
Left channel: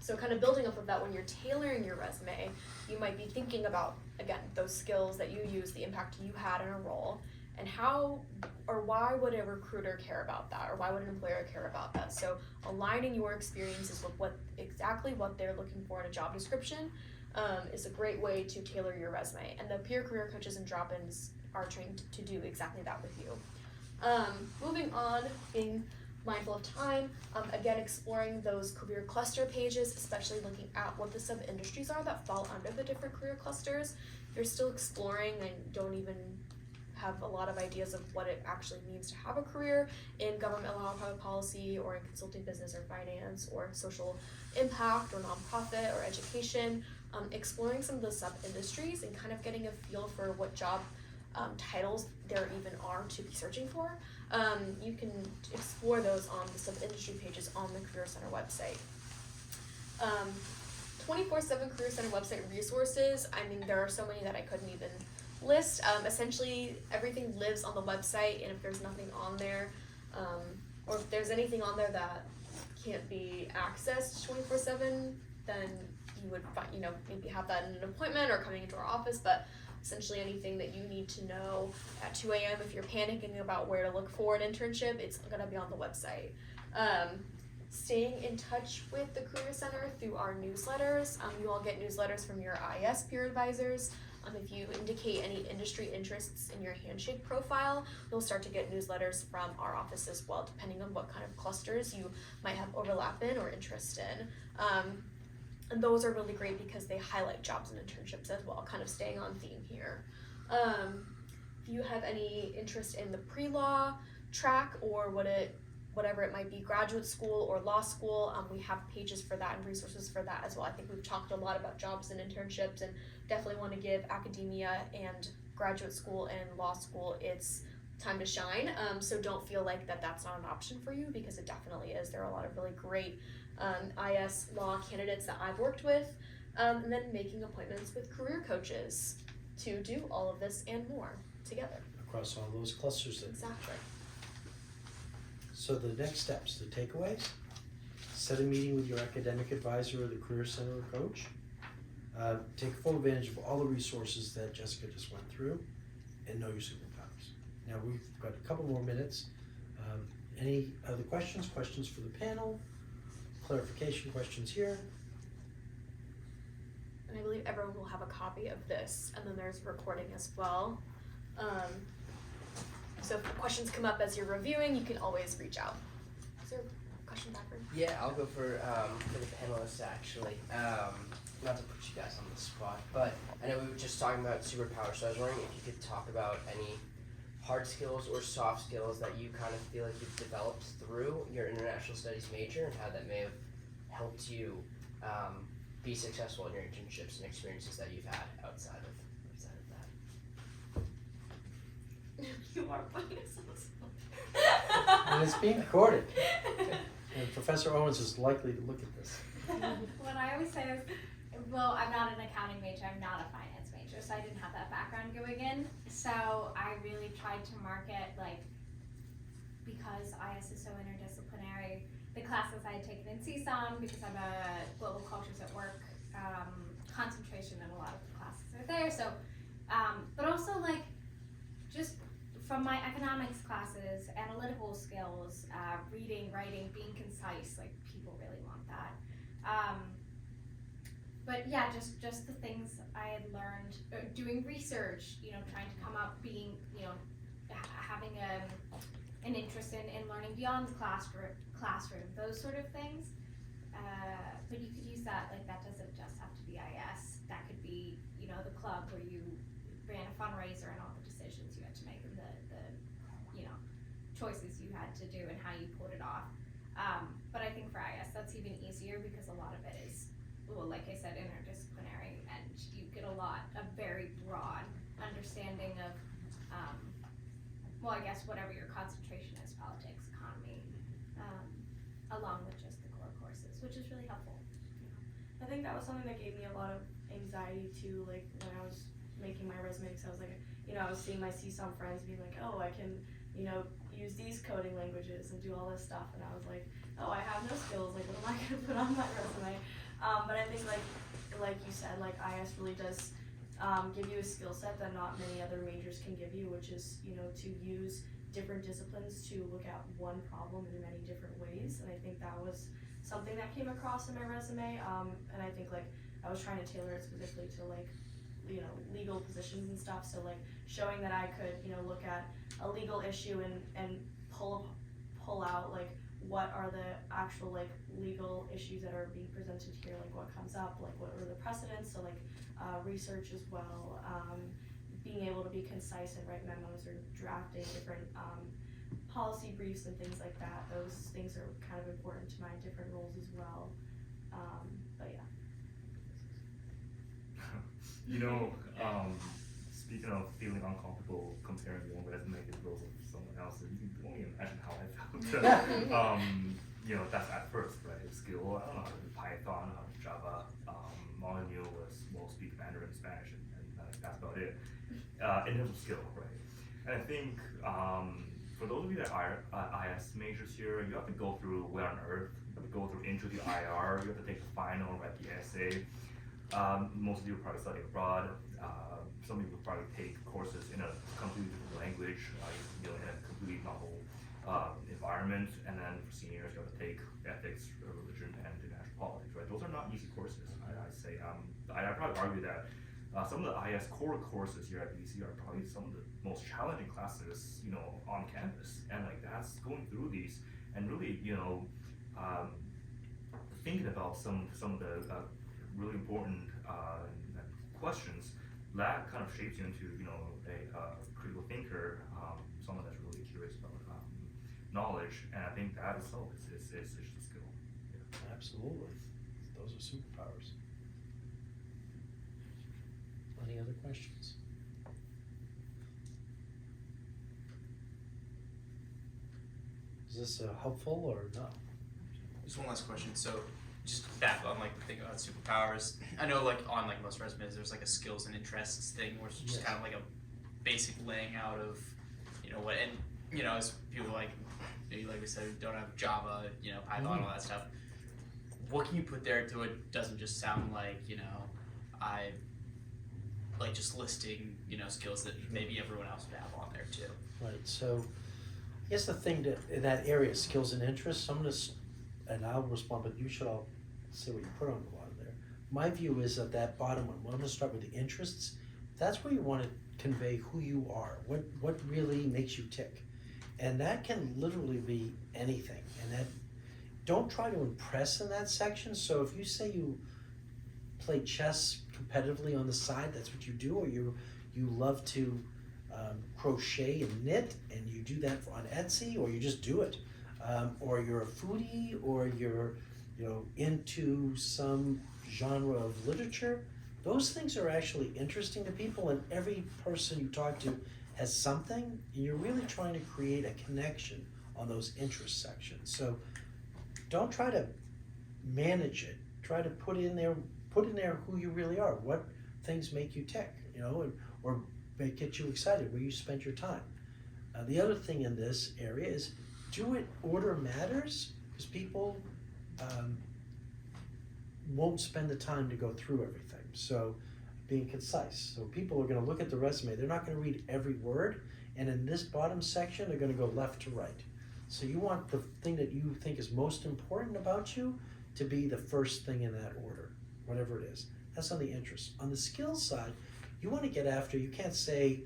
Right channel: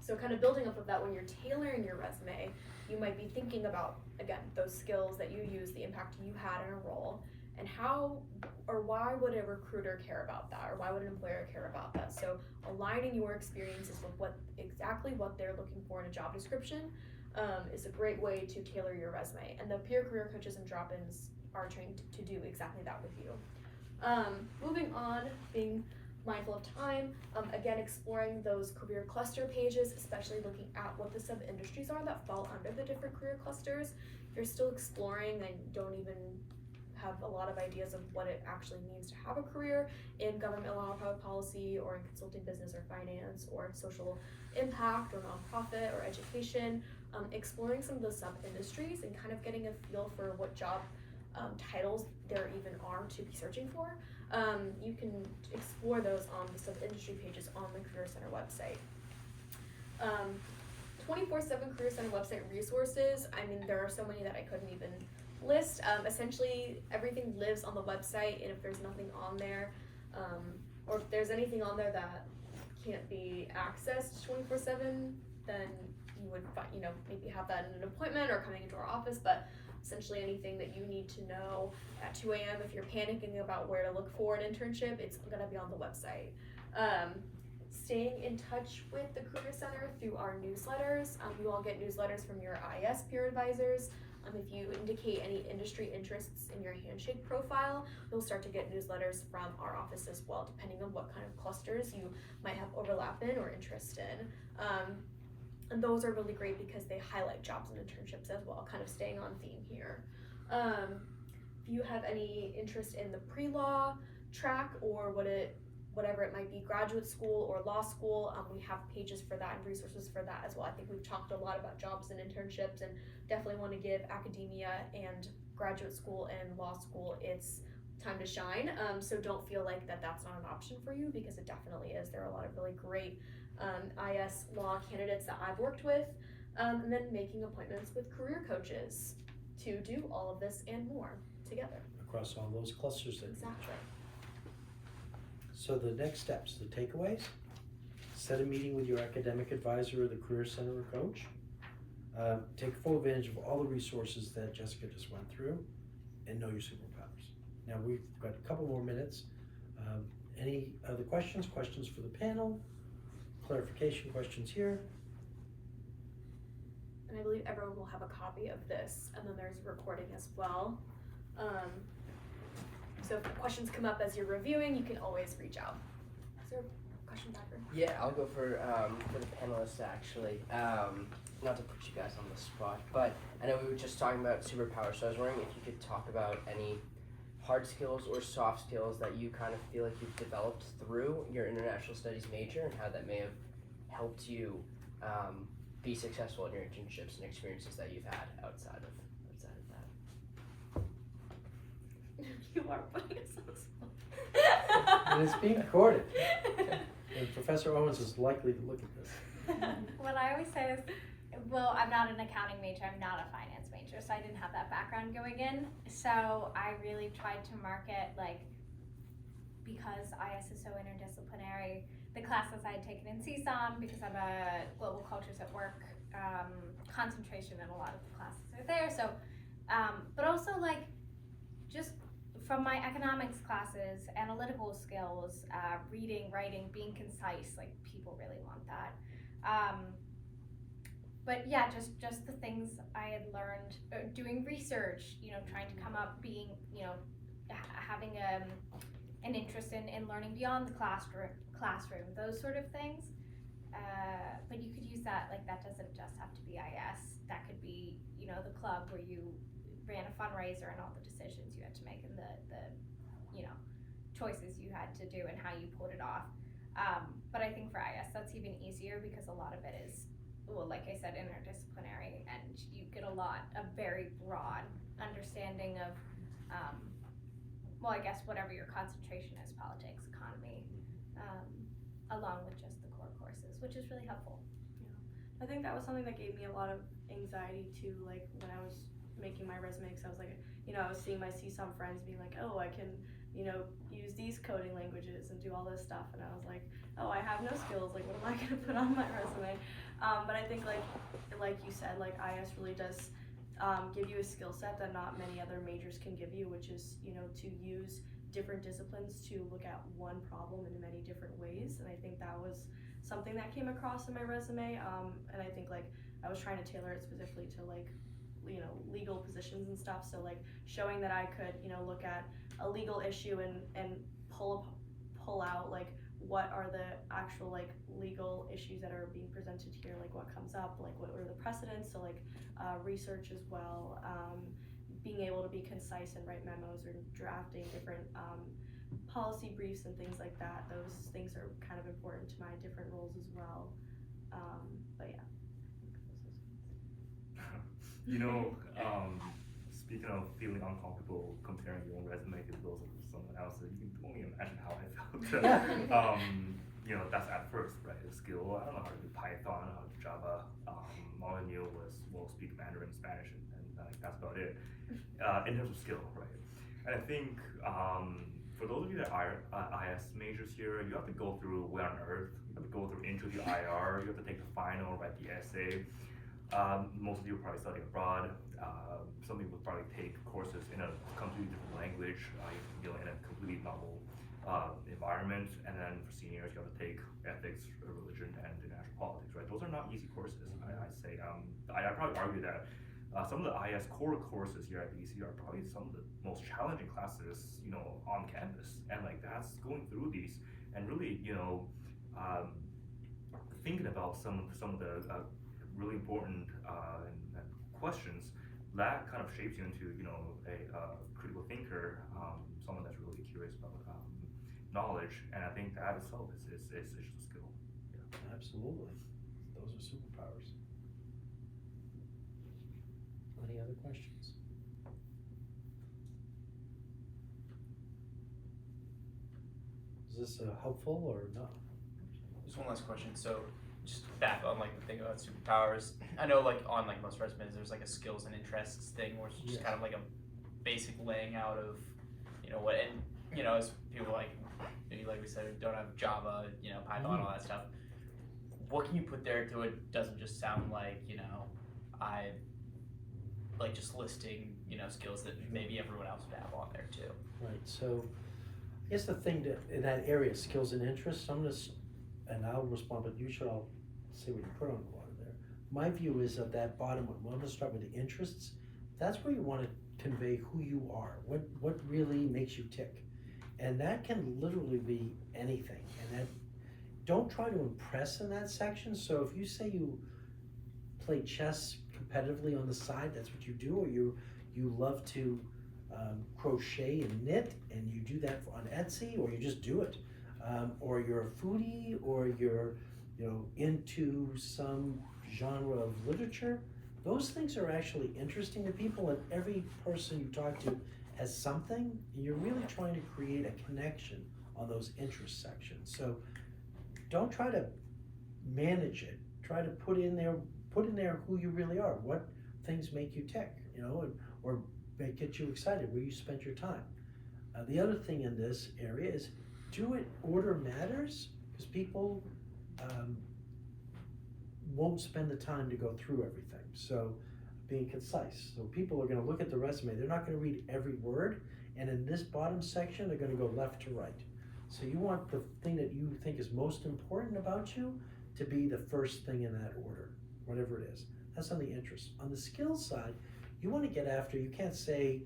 So kind of building up of that, when you're tailoring your resume, you might be thinking about, again, those skills that you use, the impact you had in a role, and how or why would a recruiter care about that, or why would an employer care about that? So aligning your experiences with exactly what they're looking for in a job description is a great way to tailor your resume. And the peer career coaches and drop-ins are trained to do exactly that with you. Moving on, being mindful of time, again, exploring those career cluster pages, especially looking at what the sub-industries are that fall under the different career clusters. If you're still exploring and don't even have a lot of ideas of what it actually means to have a career in government law, public policy, or in consulting, business, or finance, or social impact, or nonprofit, or education, exploring some of the sub-industries and kind of getting a feel for what job titles there even are to be searching for. You can explore those on the sub-industry pages on the Career Center website. 24/7 Career Center website resources, I mean, there are so many that I couldn't even list. Essentially, everything lives on the website, and if there's nothing on there, or if there's anything on there that can't be accessed 24/7, then you would maybe have that in an appointment or coming into our office, but essentially anything that you need to know at 2 a.m. if you're panicking about where to look for an internship, it's gonna be on the website. Staying in touch with the Career Center through our newsletters. You all get newsletters from your IS peer advisors. If you indicate any industry interests in your Handshake profile, you'll start to get newsletters from our office as well, depending on what kind of clusters you might have overlap in or interest in. And those are really great because they highlight jobs and internships as well, kind of staying on theme here. If you have any interest in the pre-law track, or would it, whatever it might be, graduate school or law school. We have pages for that and resources for that as well. I think we've talked a lot about jobs and internships, and definitely want to give academia and graduate school and law school its time to shine. So don't feel like that's not an option for you, because it definitely is. There are a lot of really great IS law candidates that I've worked with, and then making appointments with career coaches to do all of this and more together. Across all those clusters that. Exactly. So the next steps, the takeaways: set a meeting with your academic advisor or the career center or coach. Take full advantage of all the resources that Jessica just went through, and know your superpowers. Now we've got a couple more minutes. Any other questions? Questions for the panel? Clarification questions here? And I believe everyone will have a copy of this, and then there's recording as well. So if questions come up as you're reviewing, you can always reach out. Is there a question back there? Yeah, I'll go for the panelists actually. Not to put you guys on the spot, but I know we were just talking about superpowers, so I was wondering if you could talk about any hard skills or soft skills that you kind of feel like you've developed through your international studies major, and how that may have helped you be successful in your internships and experiences that you've had outside of that. You are putting us on the spot. And it's being recorded. And Professor Owens is likely to look at this. What I always say is, well, I'm not an accounting major, I'm not a finance major, so I didn't have that background going in. So I really tried to market, like, because IS is so interdisciplinary, the classes I had taken in CSOM, because I'm a global cultures at work concentration, and a lot of the classes are there. So, but also like, just from my economics classes, analytical skills, reading, writing, being concise, like people really want that. But yeah, just the things I had learned, doing research, trying to come up, being, having an interest in learning beyond the classroom, those sort of things. But you could use that, like that doesn't just have to be IS, that could be, the club where you ran a fundraiser and all the decisions you had to make, and the choices you had to do and how you pulled it off. But I think for IS that's even easier, because a lot of it is, well, like I said, interdisciplinary, and you get a very broad understanding of, well, I guess whatever your concentration is, politics, economy, along with just the core courses, which is really helpful. I think that was something that gave me a lot of anxiety too, like when I was making my resume, because I was like, I was seeing my CSOM friends being like, oh, I can, use these coding languages and do all this stuff, and I was like, oh, I have no skills, like what am I gonna put on my resume? But I think like you said, like IS really does give you a skill set that not many other majors can give you, which is, to use different disciplines to look at one problem in many different ways. And I think that was something that came across in my resume. And I think like I was trying to tailor it specifically to like, legal positions and stuff. So like showing that I could, look at a legal issue and pull out like what are the actual like legal issues that are being presented here, like what comes up, like what are the precedents, so like research as well, being able to be concise and write memos or drafting different policy briefs and things like that. Those things are kind of important to my different roles as well. But yeah. Speaking of feeling uncomfortable comparing your own resume to those of someone else's, you can only imagine how I felt. That's at first, right? A skill, I don't know how to do Python, how to do Java. All I knew was, speak Mandarin, Spanish, and that's about it. In terms of skill, right? And I think for those of you that are IS majors here, you have to go through Where on Earth, you have to go through Intro to IR, you have to take the final, write the essay. Most of you will probably study abroad. Some people will probably take courses in a completely different language, in a completely novel environment. And then for seniors, you have to take ethics, religion, and international politics, right? Those are not easy courses, I'd say. I'd probably argue that some of the IS core courses here at BC are probably some of the most challenging classes, on campus. And like that's going through these and really, thinking about some of the really important questions that kind of shapes you into, a critical thinker, someone that's really curious about knowledge, and I think that itself is just a skill. Absolutely. Those are superpowers. Any other questions? Is this helpful or no? Just one last question. So, just back on like the thing about superpowers. I know like on like most resumes, there's like a skills and interests thing, where it's just Yes. kind of like a basic laying out of, what, and as people like maybe like we said don't have Java, Python, all that stuff. What can you put there so it doesn't just sound like I like just listing skills that maybe everyone else would have on there too. Right, so I guess the thing that in that area, skills and interests, I'm gonna, and I'll respond, but you should all say what you put on the bottom there. My view is that bottom one, I'm gonna start with the interests. That's where you wanna convey who you are, what really makes you tick. And that can literally be anything, and that, don't try to impress in that section. So if you say you play chess competitively on the side, that's what you do, or you love to crochet and knit, and you do that on Etsy, or you just do it, or you're a foodie, or you're into some genre of literature. Those things are actually interesting to people, and every person you talk to has something, and you're really trying to create a connection on those interest sections. So don't try to manage it. Try to put in there who you really are. What things make you tick, or get you excited, where you spent your time. The other thing in this area is order matters, because people won't spend the time to go through everything. So being concise. So people are going to look at the resume. They're not going to read every word, and in this bottom section, they're going to go left to right. So you want the thing that you think is most important about you to be the first thing in that order, whatever it is. That's on the interest. On the skills side, you want to get after, you can't say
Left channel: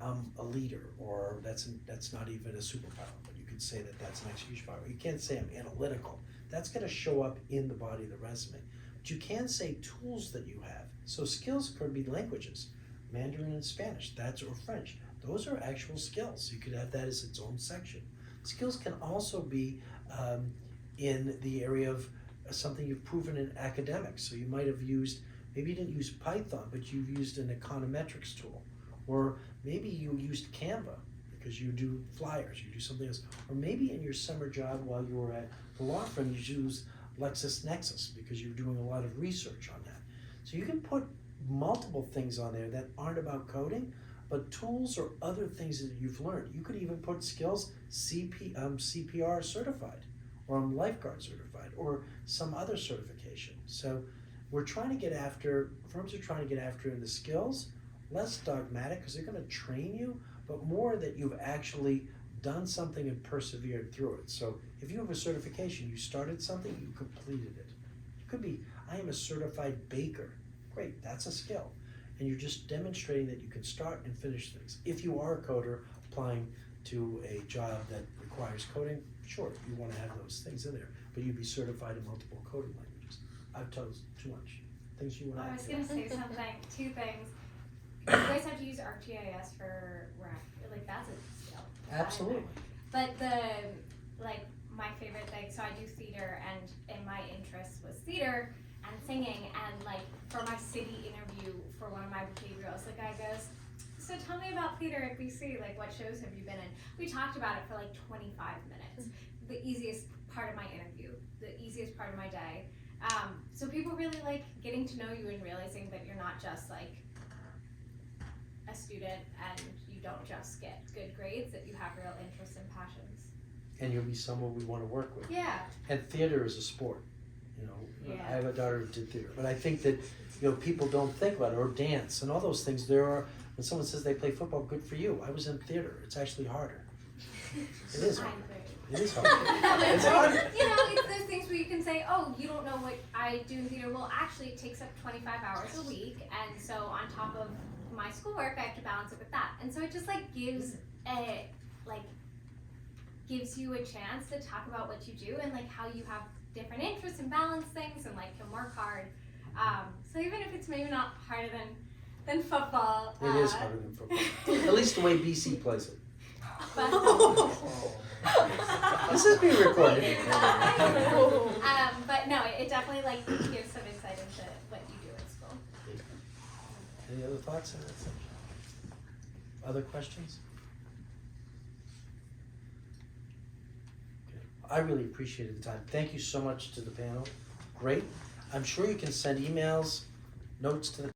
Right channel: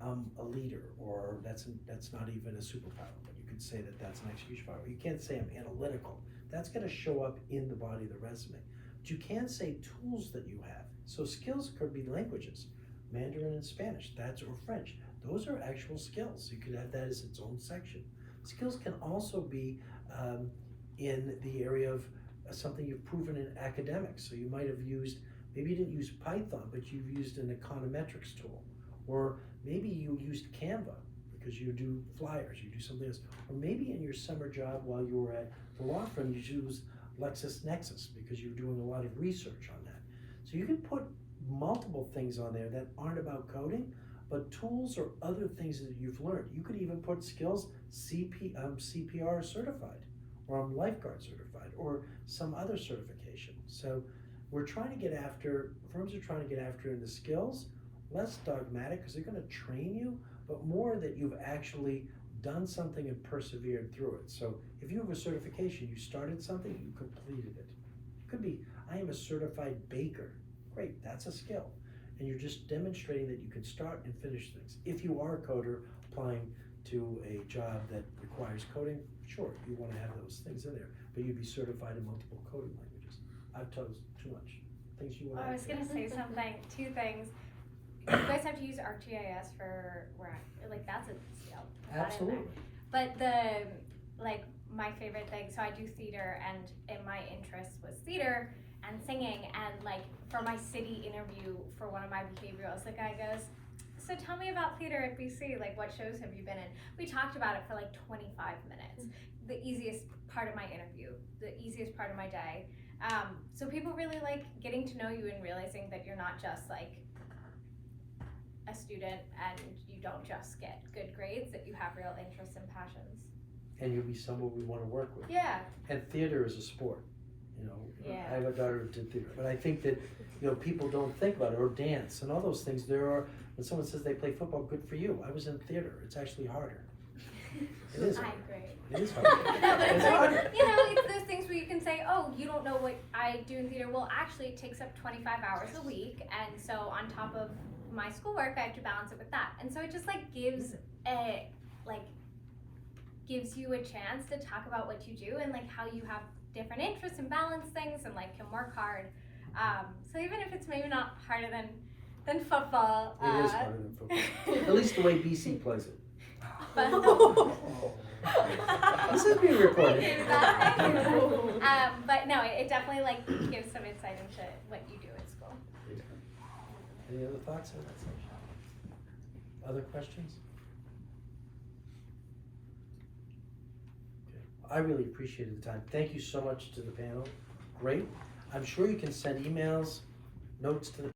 I'm a leader, or that's not even a superpower, but you can say that that's an execution power. You can't say I'm analytical. That's going to show up in the body of the resume. But you can say tools that you have. So skills could be languages, Mandarin and Spanish, or French. Those are actual skills. You could have that as its own section. Skills can also be in the area of something you've proven in academics. So you might have used, maybe you didn't use Python, but you've used an econometrics tool. Or maybe you used Canva because you do flyers, you do something else. Or maybe in your summer job while you were at the law firm, you used LexisNexis because you're doing a lot of research on that. So you can put multiple things on there that aren't about coding, but tools or other things that you've learned. You could even put skills, CPR certified, or I'm lifeguard certified, or some other certification. So we're trying to get after, firms are trying to get after in the skills, less dogmatic, because they're going to train you, but more that you've actually done something and persevered through it. So if you have a certification, you started something, you completed it. It could be, I am a certified baker. Great, that's a skill. And you're just demonstrating that you can start and finish things. If you are a coder applying to a job that requires coding, sure, you want to have those things in there, but you'd be certified in multiple coding languages. I've told too much. Things you want to I Oh, was going to say something, two things. You guys have to use ArcGIS for that's a skill. Absolutely. But my favorite thing, so I do theater, and my interest was theater and singing, and for my city interview for one of my behaviorals, the guy goes, so tell me about theater at BC, what shows have you been in? We talked about it for 25 minutes. The easiest part of my interview, the easiest part of my day. So people really like getting to know you and realizing that you're not just a student and you don't just get good grades, that you have real interests and passions. And you'll be someone we want to work with. Yeah. And theater is a sport. Yeah. I have a daughter who did theater, but I think that people don't think about it, or dance and all those things. When someone says they play football, good for you. I was in theater. It's actually harder. It is harder. It is harder. It's harder. It's those things where you can say, oh, you don't know what I do in theater. Well, actually, it takes up 25 hours a week, and so on top of my schoolwork, I have to balance it with that. And so it just gives you a chance to talk about what you do and how you have different interests and balance things and can work hard. So even if it's maybe not harder than football. It is harder than football. At least the way BC plays it. But, This is being recorded. But no, it definitely like gives some insight into what you do at school. Any other thoughts on that section? Other questions? Okay. I really appreciated the time. Thank you so much to the panel. Great. I'm sure you can send emails, notes to the